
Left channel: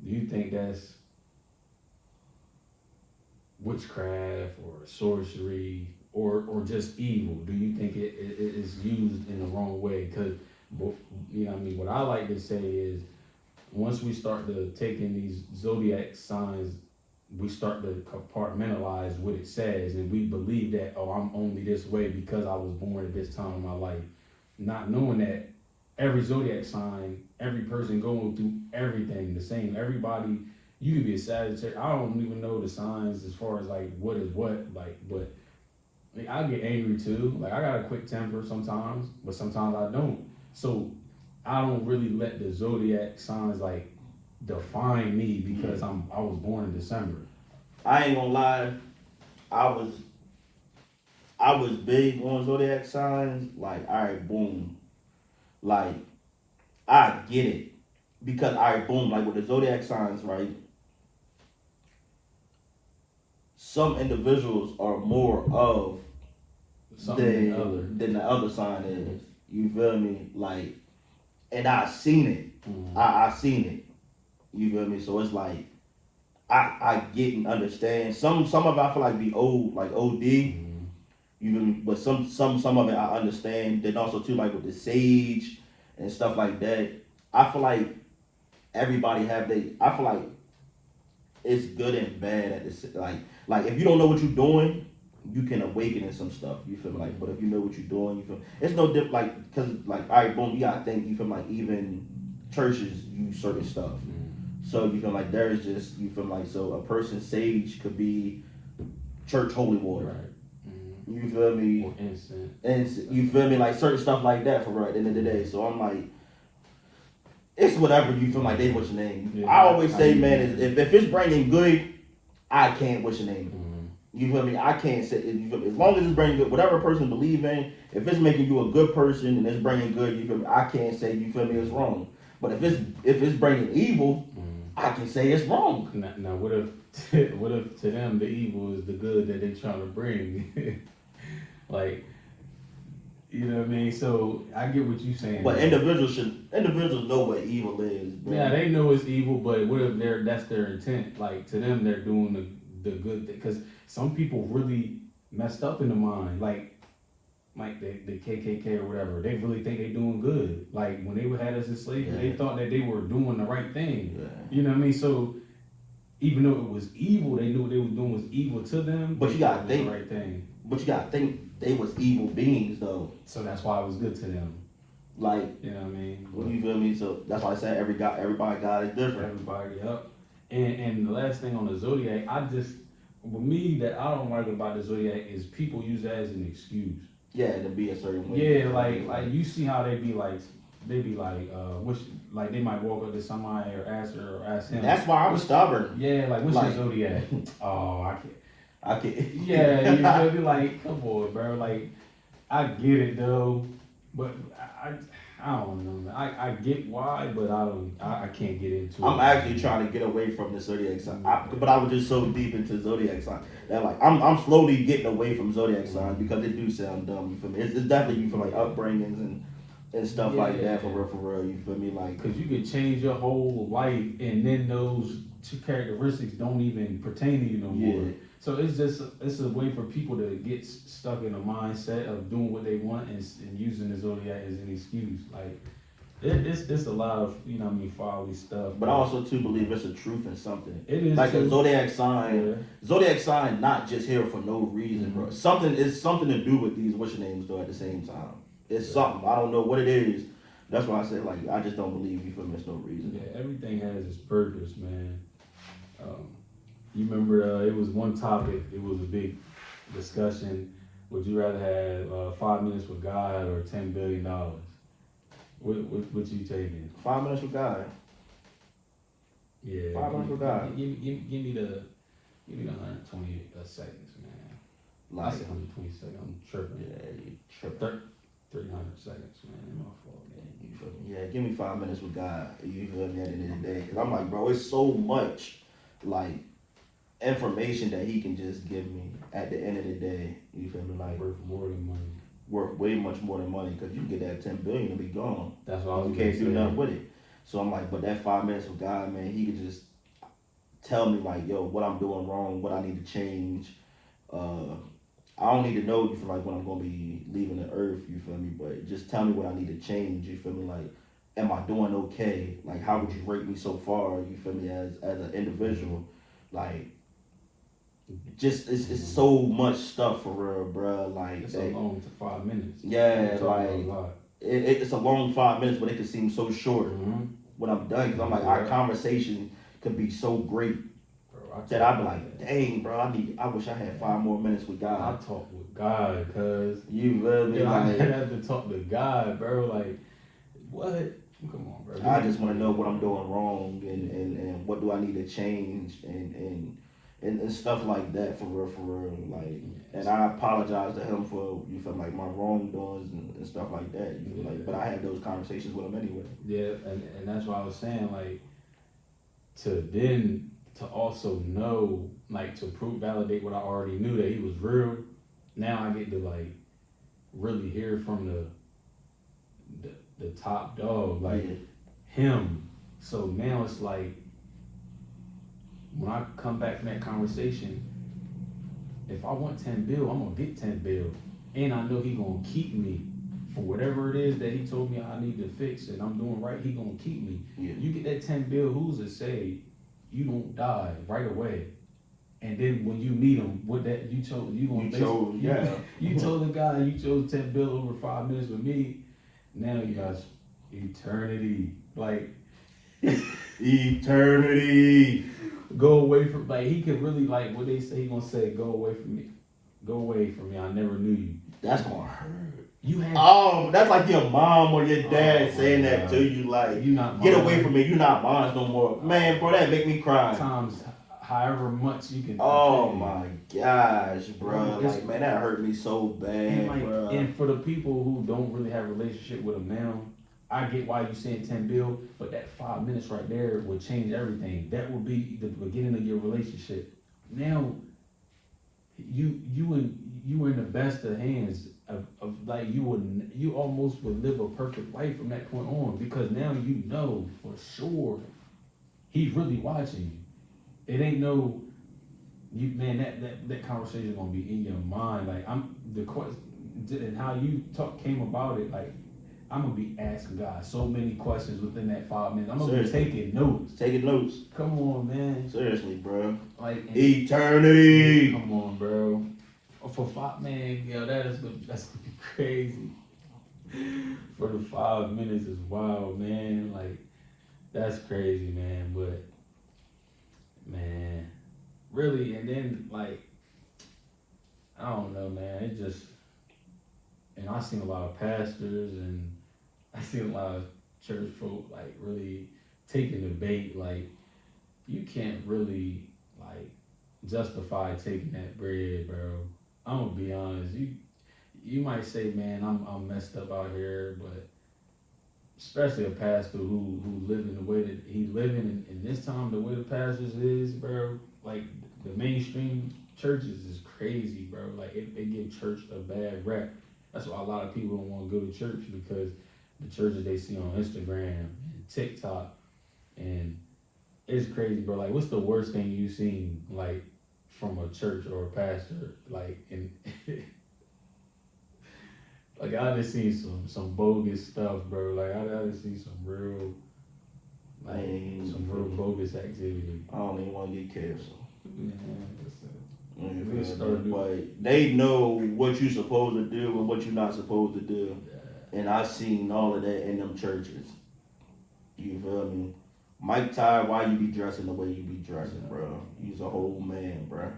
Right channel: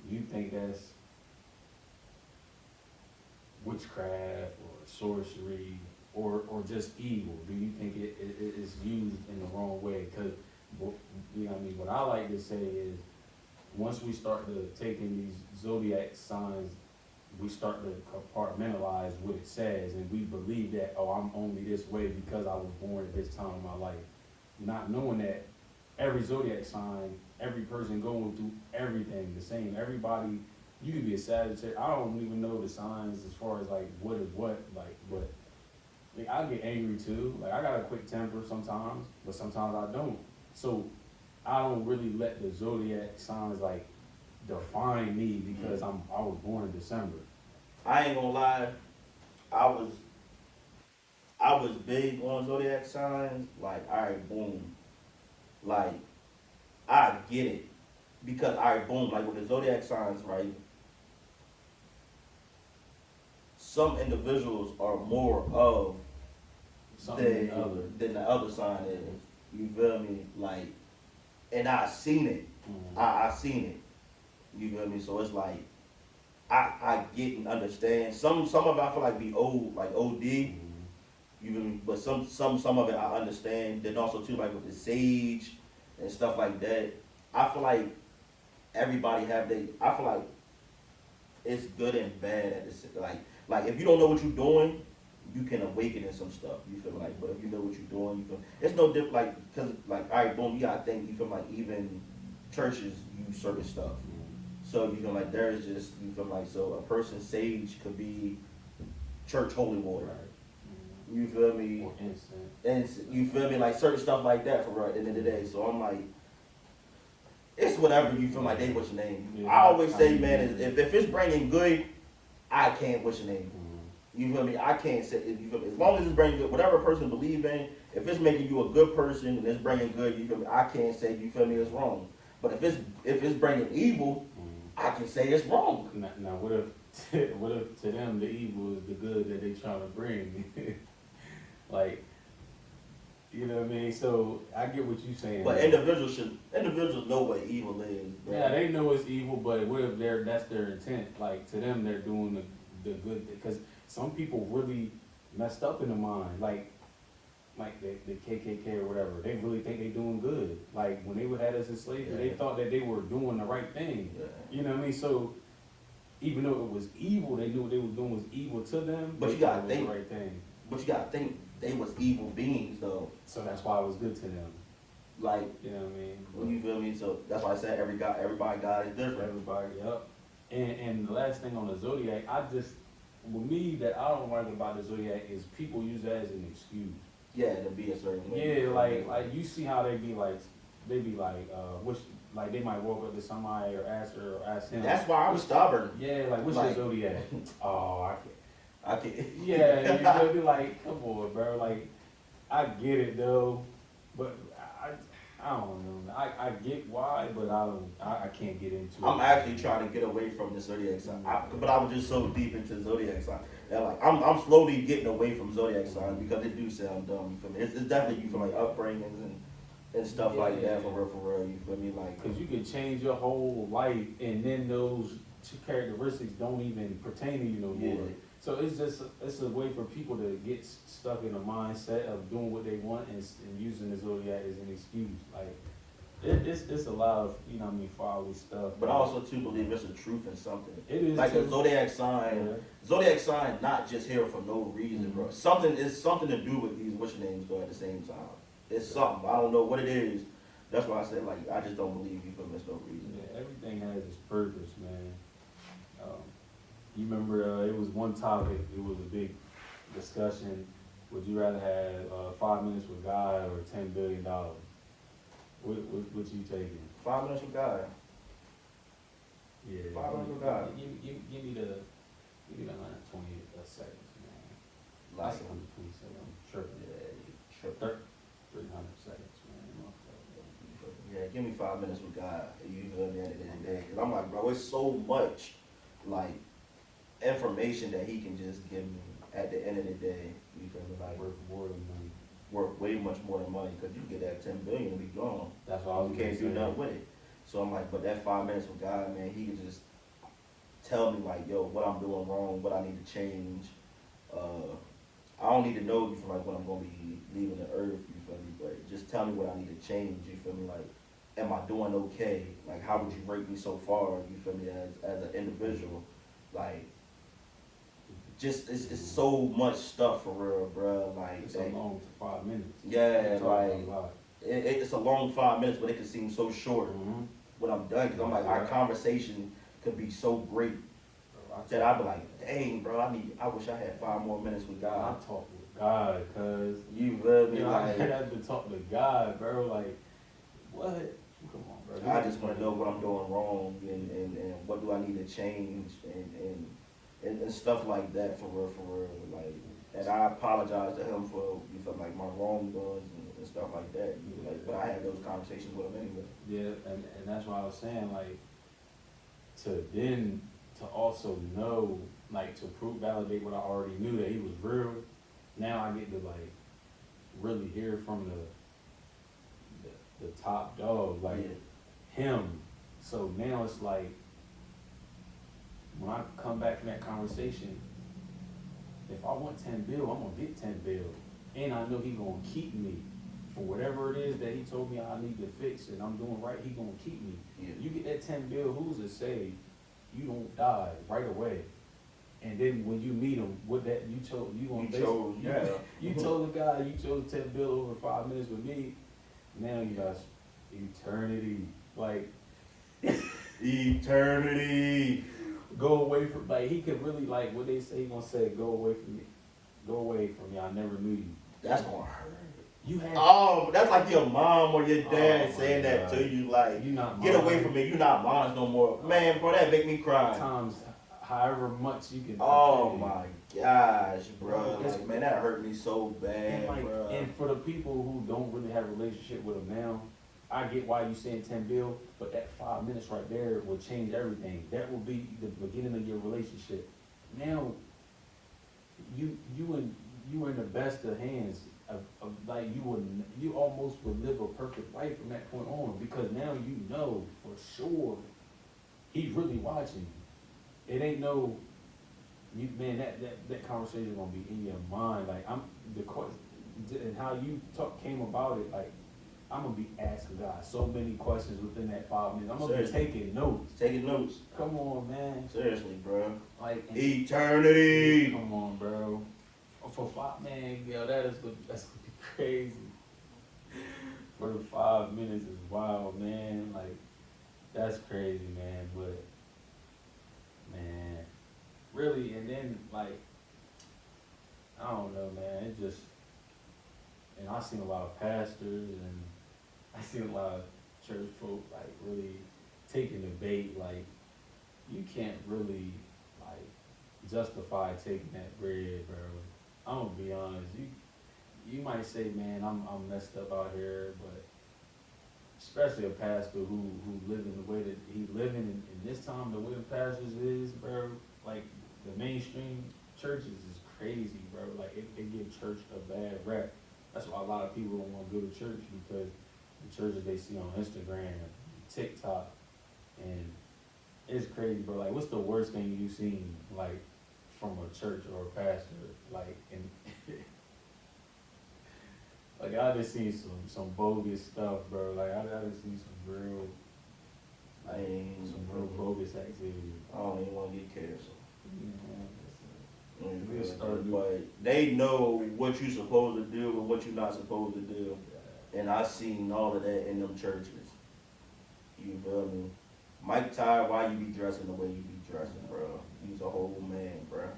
do you think that's witchcraft or sorcery or just evil? Do you think it is used in the wrong way? Because, you know what I mean, what I like to say is once we start to take in these zodiac signs, we start to compartmentalize what it says, and we believe that, oh, I'm only this way because I was born at this time in my life. Not knowing that every zodiac sign, every person going through everything the same. Everybody, you could be a Sagittarius. I don't even know the signs as far as like what is what, like, but I mean, I get angry too. Like I got a quick temper sometimes, but sometimes I don't. So I don't really let the zodiac signs like define me because I was born in December. I ain't gonna lie, I was big on zodiac signs. Like, all right, boom. Like, I get it. because all right, boom, like with the zodiac signs, right? Some individuals are more of Something other. than the other sign is. You feel me? Like, and I seen it. I seen it. You feel me? So it's like I get and understand. Some of it I feel like be old, like OD. You feel me? But some of it I understand. Then also too, like with the sage and stuff like that. I feel like everybody have they. I feel like it's good and bad at this. Like if you don't know what you're doing, you can awaken in some stuff. You feel like, but if you know what you're doing, you feel it's no different. Like because like all right, boom, you gotta think. You feel like even churches use certain stuff. So you feel like there is just you feel like so a person's sage could be church holy water. Right. You feel me? Or instant. And you feel me? Like certain stuff like that for right at the end of the day. So I'm like, it's whatever you feel like they wish your name. Yeah, I always say, man, if it's bringing good, I can't wish your name. You feel me? I can't say you feel me? As long as it's bringing good, whatever a person believe in, if it's making you a good person and it's bringing good, you feel me? I can't say you feel me it's wrong. But if it's bringing evil, I can say it's wrong. Now what if to them the evil is the good that they trying to bring? Like, you know what I mean? So I get what you're saying. But individuals know what evil is. Bro. Yeah, they know it's evil, but what if that's their intent? Like to them, they're doing the good thing. Because some people really messed up in the mind, like the KKK or whatever. They really think they're doing good. Like when they had us as slaves, they thought that they were doing the right thing. Yeah. You know what I mean? So even though it was evil, they knew what they were doing was evil to them. But you gotta think the right thing. But you gotta think they was evil beings though. So that's why it was good to them. Like, you know what I mean? What you feel me? So that's why I said everybody God is different. Everybody, yep. And the last thing on the zodiac, with me that I don't like about the zodiac is people use that as an excuse. Yeah, to be a certain way. Yeah, like you see how they be like, which like they might walk up to somebody or ask her or ask him. That's why I'm stubborn. Yeah, like what's your zodiac? Oh, I can't. Yeah, you know, be like, come on, bro. Like, I get it though, but I don't know, man. I get why, but I can't get into it. I'm actually trying to get away from the zodiac sign, but I was just so deep into zodiac sign that like I'm slowly getting away from zodiac signs because it do sound dumb. You feel me? It's definitely you feel like upbringings and stuff like that for real. You feel me? Like because you can change your whole life and then those two characteristics don't even pertain to you no more. Yeah. So it's a way for people to get stuck in a mindset of doing what they want and using the zodiac as an excuse. Like it's a lot of folly stuff. But I also too believe it's a truth in something. It is like too. a zodiac sign. Yeah. Zodiac sign not just here for no reason, bro. It's something to do with these what's your names though at the same time. It's something. I don't know what it is. That's why I said like I just don't believe you for there's no reason. Yeah, everything has its purpose, man. You remember it was one topic, it was a big discussion. Would you rather have 5 minutes with God or $10 billion? What you taking? 5 minutes with God. Yeah. 5 minutes with God. Give me the 120 seconds, man. I said 120 seconds, I'm tripping. Yeah, you tripping. 300 seconds, man. Yeah, give me 5 minutes with God. You feel me at the end of the day? Cause I'm like, bro, it's so much like information that he can just give me at the end of the day. You feel me? Like worth more than money. Worth way much more than money because you get that 10 billion to be gone. That's why you can't do nothing with it. So I'm like, but that 5 minutes with God, man, he could just tell me like, yo, what I'm doing wrong, what I need to change. I don't need to know you feel like when I'm gonna be leaving the earth. You feel me? But just tell me what I need to change. You feel me? Like, am I doing okay? Like, how would you rate me so far? You feel me? As an individual, like. Just it's so much stuff for real, bro. Like it's a long 5 minutes. Yeah, like it's a long 5 minutes, but it can seem so short when I'm done. Cause I'm like, our conversation could be so great that I'd be like, dang, bro, I wish I had 5 more minutes with God. I talk with God, cause you feel me? I have to talk to God, bro. Like, what? Come on, bro. I just want to know what I'm doing wrong and what do I need to change and and stuff like that, for real, like, and I apologize to him for, you feel like, my wrongdoings and stuff like that, you feel like, but I had those conversations with him anyway. Yeah, and that's what I was saying, like, to also know, like, to validate what I already knew, that he was real. Now I get to, like, really hear from the top dog, like, him. So now it's like, when I come back from that conversation, if I want 10 bill, I'm gonna get 10 bill. And I know he gonna keep me for whatever it is that he told me I need to fix and I'm doing right, he gonna keep me. Yeah. You get that 10 bill, who's to say you don't die right away? And then when you meet him, what that you told you told the guy you chose 10 bill over 5 minutes with me. Now you got eternity, like eternity. Go away from, like, he could really, like, what they say, he gonna say, go away from me, I never knew you. That's gonna hurt. You had, that's like your mom or your dad saying that to you, like, you not get mine. away from me, you not mine no more. Man, bro, that make me cry. Times however much you can. Oh my gosh, bro. Like, man, that hurt me so bad, and, like, bro. and for the people who don't really have a relationship with him now, I get why you saying 10 bill, but that 5 minutes right there will change everything. That will be the beginning of your relationship. Now, you were in the best of hands of like, you almost would live a perfect life from that point on, because now you know for sure he's really watching you. It ain't no, man, that conversation gonna be in your mind. Like, the question and how you came about it, like, I'm gonna be asking God so many questions within that 5 minutes. I'm gonna be taking notes. Taking notes. Come on, man. Seriously, bro. Like, eternity. Come on, bro. For 5, man, yo, that's gonna be crazy. For the 5 minutes is wild, man. Like, that's crazy, man. But, man, really, and then, like, I don't know, man. It just, and I've seen a lot of pastors and I see a lot of church folk, like, really taking the bait. Like, you can't really, like, justify taking that bread, bro. I'm gonna be honest. You might say, man, I'm messed up out here, but especially a pastor who living the way that he living in this time, the way the pastors is, bro. Like, the mainstream churches is crazy, bro. Like, it give church a bad rep. That's why a lot of people don't want to go to church, because the churches they see on Instagram, TikTok, and it's crazy, bro. Like, what's the worst thing you've seen, like, from a church or a pastor? Like, and like, I just seen some bogus stuff, bro. Like, I just see some real, like, some real bogus activity. I don't even want to get canceled. Man, but they know what you're supposed to do and what you're not supposed to do. And I seen all of that in them churches. You feel me? Mike Ty, why you be dressing the way you be dressing, bro? You's a whole man, bro.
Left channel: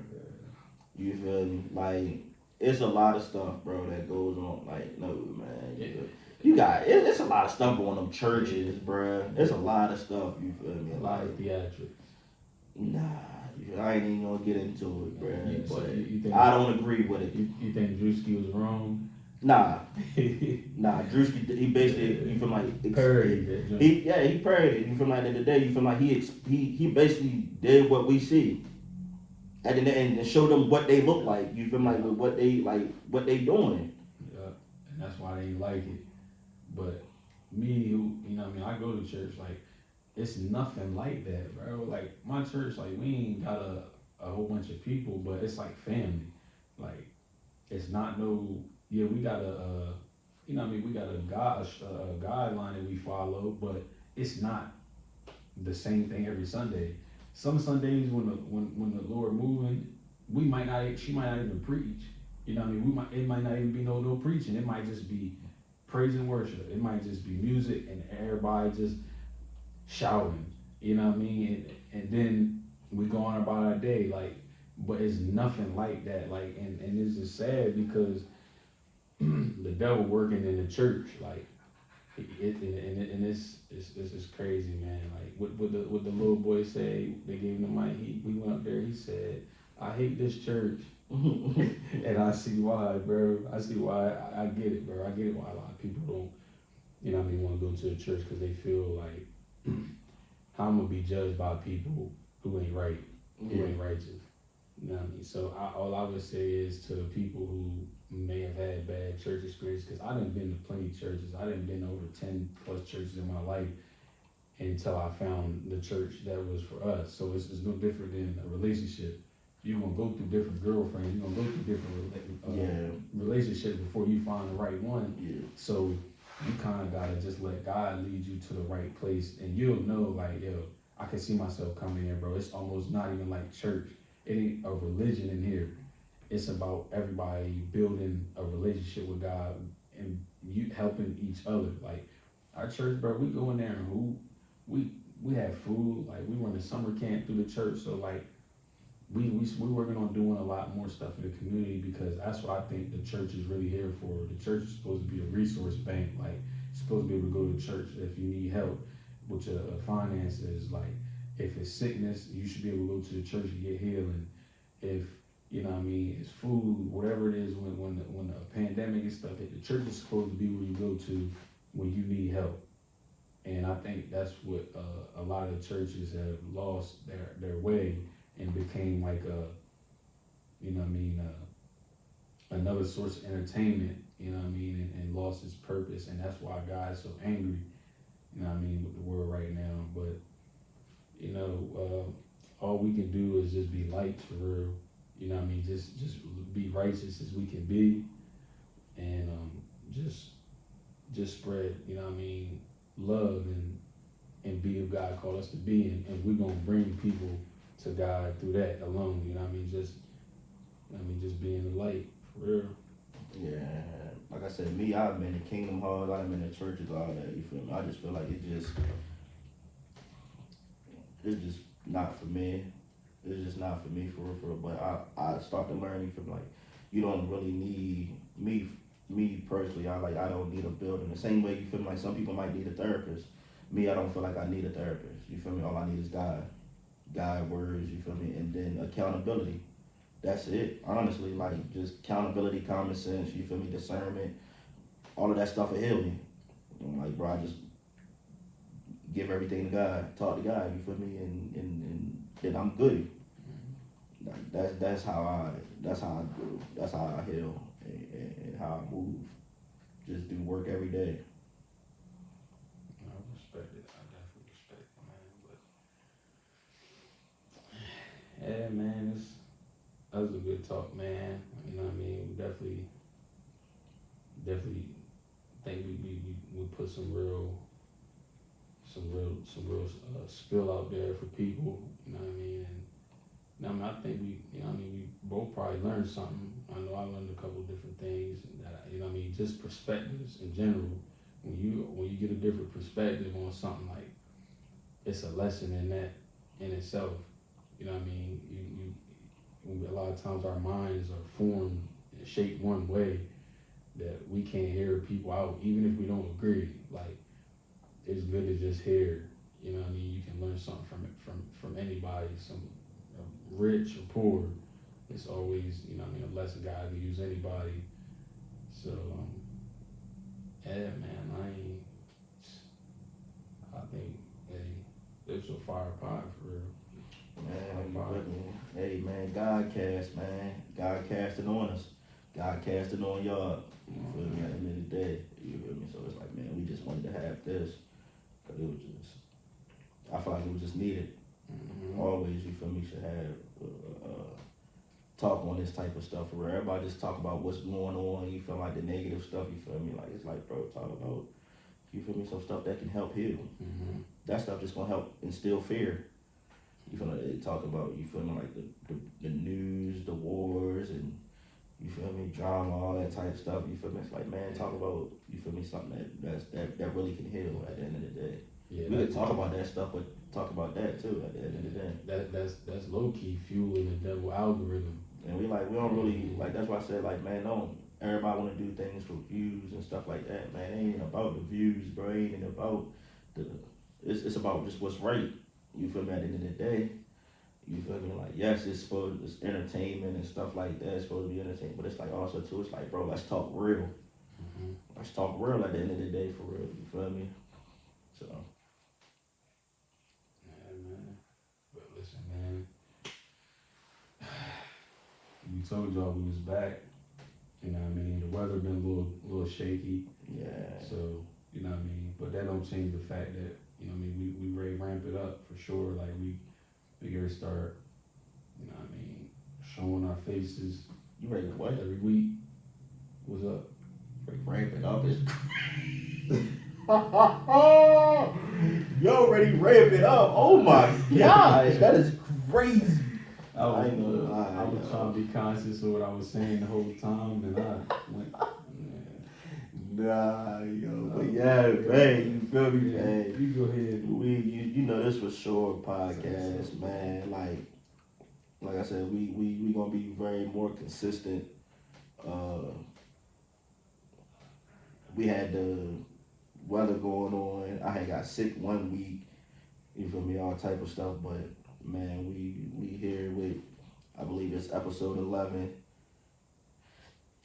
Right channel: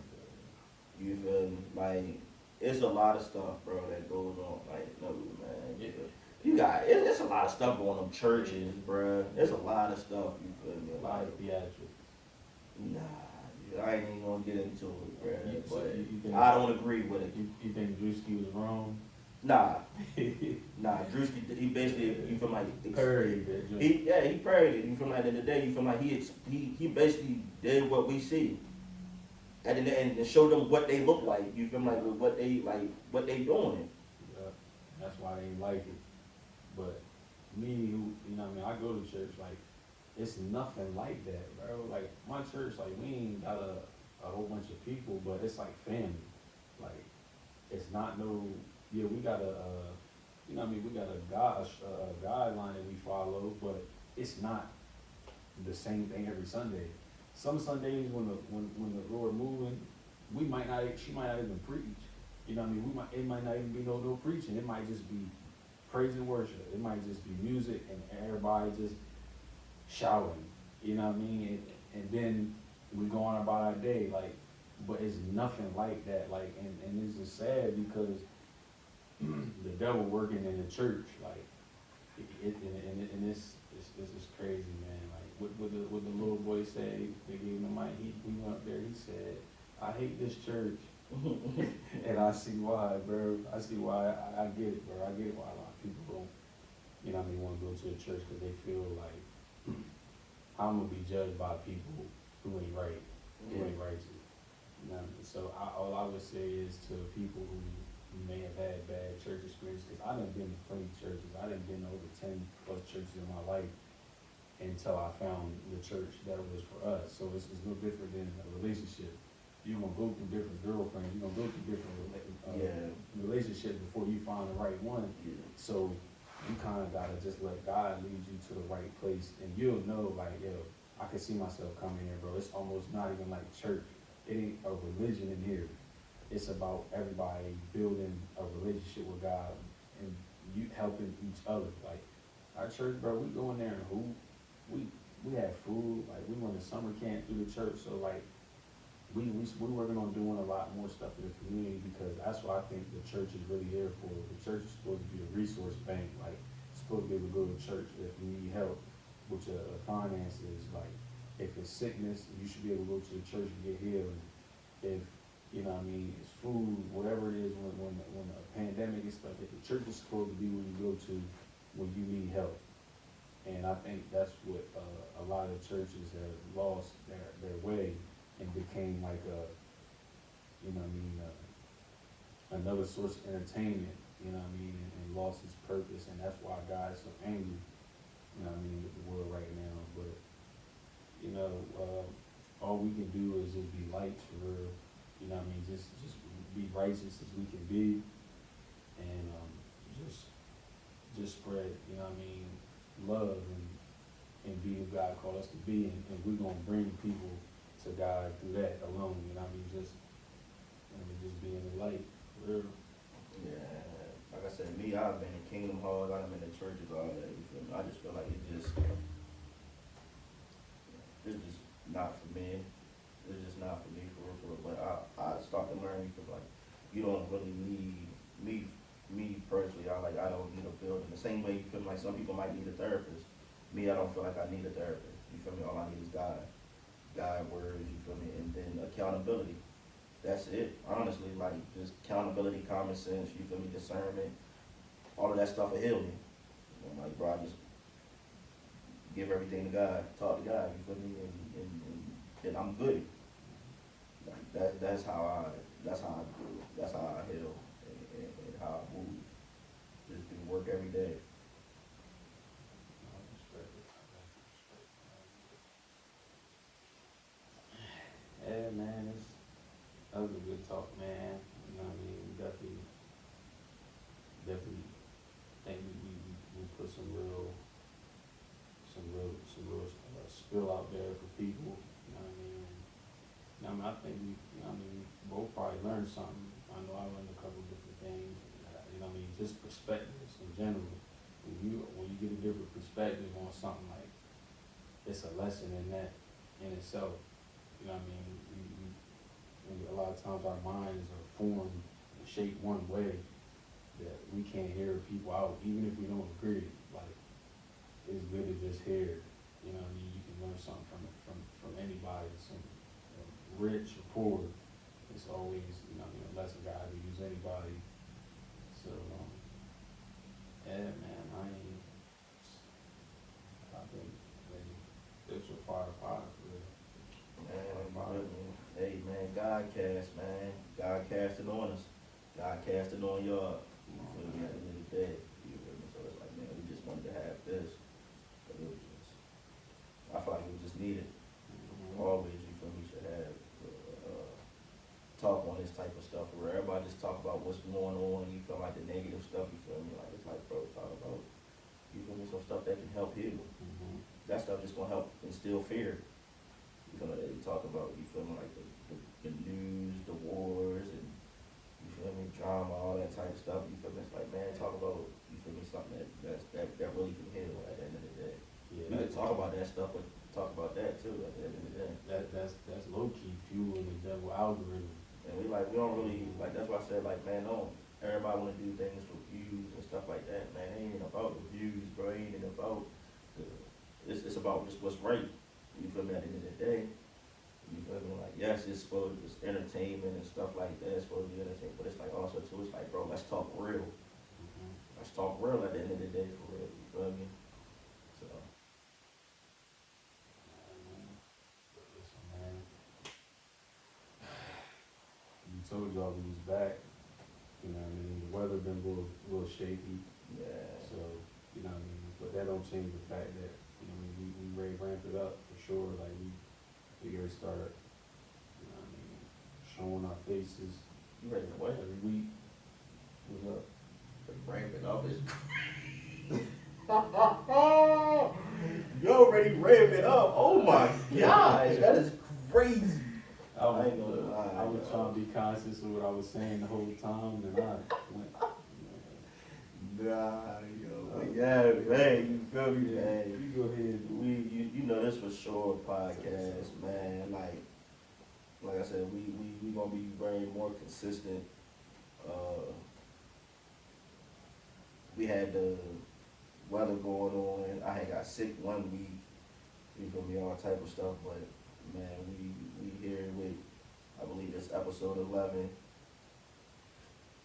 You feel me? Like, it's a lot of stuff, bro, that goes on. Like, no, man. You got, it's a lot of stuff going on churches, bro. It's a lot of stuff, you feel me? A lot of theatrics. Nah, I ain't even gonna get into it, bro. But you think, I don't agree with it. You think Drewski was wrong? Nah, Drewski, he basically, you feel like parodied it. He parodied it. You feel like that today. You feel like he basically did what we see, and showed them what they look like. You feel like with what they doing. Yeah, and that's why they like it. But me, who, you know what I mean, I go to church, like, it's nothing like that, bro. Like, my church, like, we ain't got a whole bunch of people, but it's like family. Like, it's not no. Yeah, we got you know what I mean, we got a guideline that we follow, but it's not the same thing every Sunday. Some Sundays when the Lord moving, she might not even preach. You know what I mean? It might not even be no preaching. It might just be praise and worship. It might just be music and everybody just shouting. You know what I mean? And then we go on about our day, like, but it's nothing like that. Like, and it's just sad because the devil working in the church, like, and it's just crazy, man. Like what the little boy say, they gave him the mic. We went up there. He said, "I hate this church," and I see why, bro. I see why. I get it, bro. I get it why a lot of people don't, you know, what I mean, want to go to the church because they feel like how I'm gonna be judged by people who ain't right, who ain't righteous. You know what I mean? So all I would say is to people who may have had bad church experience, because I done been to plenty of churches. I done been to over 10 plus churches in my life until I found the church that was for us. So it's no different than a relationship. You're gonna go through different girlfriends. You're gonna go through different relationships before you find the right one. Yeah. So you kind of gotta just let God lead you to the right place, and you'll know, like, yo, I can see myself coming here, bro. It's almost not even like church. It ain't a religion in here. It's about everybody building a relationship with God and you helping each other. Like our church, bro, we go in there and we have food. Like we run the summer camp through the church, so like we're working on doing a lot more stuff in the community, because that's what I think the church is really here for. The church is supposed to be a resource bank. Like you're supposed to be able to go to church if you need help with your finances. Like if it's sickness, you should be able to go to the church and get healing. If you know what I mean, it's food, whatever it is, when the pandemic is stuff, the church is supposed to be where you go to when you need help. And I think that's what a lot of churches have lost their way and became like a, you know what I mean, another source of entertainment, you know what I mean, and lost its purpose. And that's why God is so angry, you know what I mean, with the world right now. But, you know, all we can do is just be lights for real. You know what I mean? Just be righteous as we can be, and just spread, you know what I mean, love and be who God called us to be, and we're gonna bring people to God through that alone. You know what I mean? Just being the light for real. Yeah, like I said, me, I've been to Kingdom Halls, I've been to churches, all that. You feel me? I just feel like it's just not for me. It's just not for me, for real. But I start to learn, you feel like you don't really need me personally. I don't need a building. The same way you feel like some people might need a therapist. Me, I don't feel like I need a therapist. You feel me? All I need is God, words. You feel me? And then accountability. That's it. Honestly, like just accountability, common sense. You feel me? Discernment. All of that stuff will heal me. I'm like, bro, I just give everything to God, talk to God. You feel me? And then I'm good. Like that's how I do. That's how I heal and how I move. Just do work every day. I respect it. I definitely respect it. Yeah, man, that was a good talk, man. You know what I mean? Definitely think we put some real spill out there for people. You know what I mean? And I think we both probably learned something. I know I learned a couple different things. You know what I mean? Just perspectives in general. When you get a different perspective on something, like it's a lesson in that in itself. You know what I mean? A lot of times our minds are formed and shaped one way that we can't hear people out, even if we don't agree. Like it's good to just hear. You know what I mean? You can learn something from anybody, rich or poor. It's always, you know what I mean, a lesson God can use anybody. So, yeah, man, I think this was a fire pod for real. Man, hey man, GODcast, man. God casting on us. God casting on y'all. You feel me? At the end of the day, you feel me? So it's like, man, we just wanted to have this. But it was just, I feel like it was just needed. Always, you feel me, should have talk on this type of stuff where everybody just talk about what's going on. You feel like the negative stuff, you feel me? Like, it's like, bro, talk about, you feel me, some stuff that can help heal. That stuff just gonna help instill fear. You feel like they talk about, you feel me, like the news, the wars, and you feel me, drama, all that type of stuff. You feel me? It's like, man, talk about, you feel me, something that really can heal at the end of the day. Yeah, we could talk about that stuff, but talk about that too at the end of the day. That's low key fueling the devil algorithm. And we don't really, like, that's why I said, like, man, don't everybody want to do things for views and stuff like that, man. It ain't about the views, bro. It ain't about the. It's about just what's right. You feel me? At the end of the day, you feel me? Like, yes, it's entertainment and stuff like that. It's supposed to be entertainment, but it's like also too. It's like, bro, let's talk real. Let's talk real at the end of the day, for real. You feel me? So. But listen, man. We told y'all we was back. You know what I mean? The weather been a little shaky. Yeah. So, you know what I mean? But that don't change the fact that, you know what I mean, we ready to ramp it up for sure. Like we gotta start, you know what I mean, showing our faces You ready to what? every week. What's up? Ramp it up. You already ramp it up. Oh my gosh, that is crazy. I was, I ain't gonna lie, I was yo. trying to be conscious of what I was saying the whole time, and I went, Nah, yo, but yeah, man, you feel me, yeah, man? you go ahead. You know this for sure podcast, man. Like I said, we gonna be very more consistent. We had the weather going on. I had got sick 1 week. You feel me? All type of stuff, but man, we here with, I believe it's episode 11,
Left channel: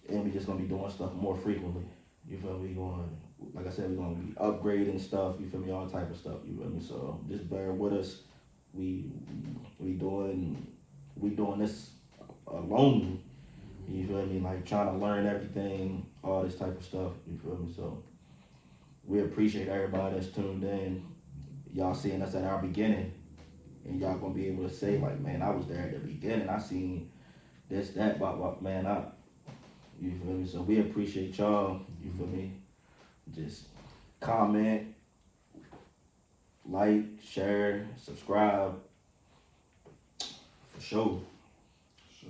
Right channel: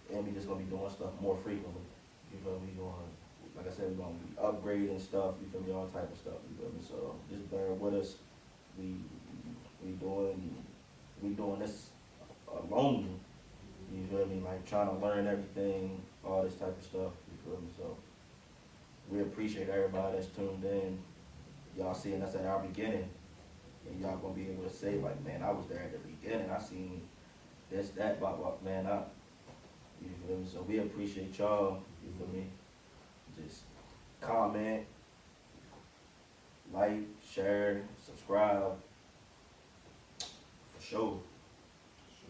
and we just gonna be doing stuff more frequently. You feel me? We going, like I said, we gonna be upgrading stuff. You feel me? All type of stuff. You feel me? So just bear with us. We doing this alone. You feel me? Like trying to learn everything, all this type of stuff. You feel me? So we appreciate everybody that's tuned in. Y'all seeing us at our beginning, and y'all gonna be able to say like, man, I was there at the beginning. I seen this, that, but man, you feel me? So we appreciate y'all. You feel me? Just comment, like, share, subscribe. For sure. So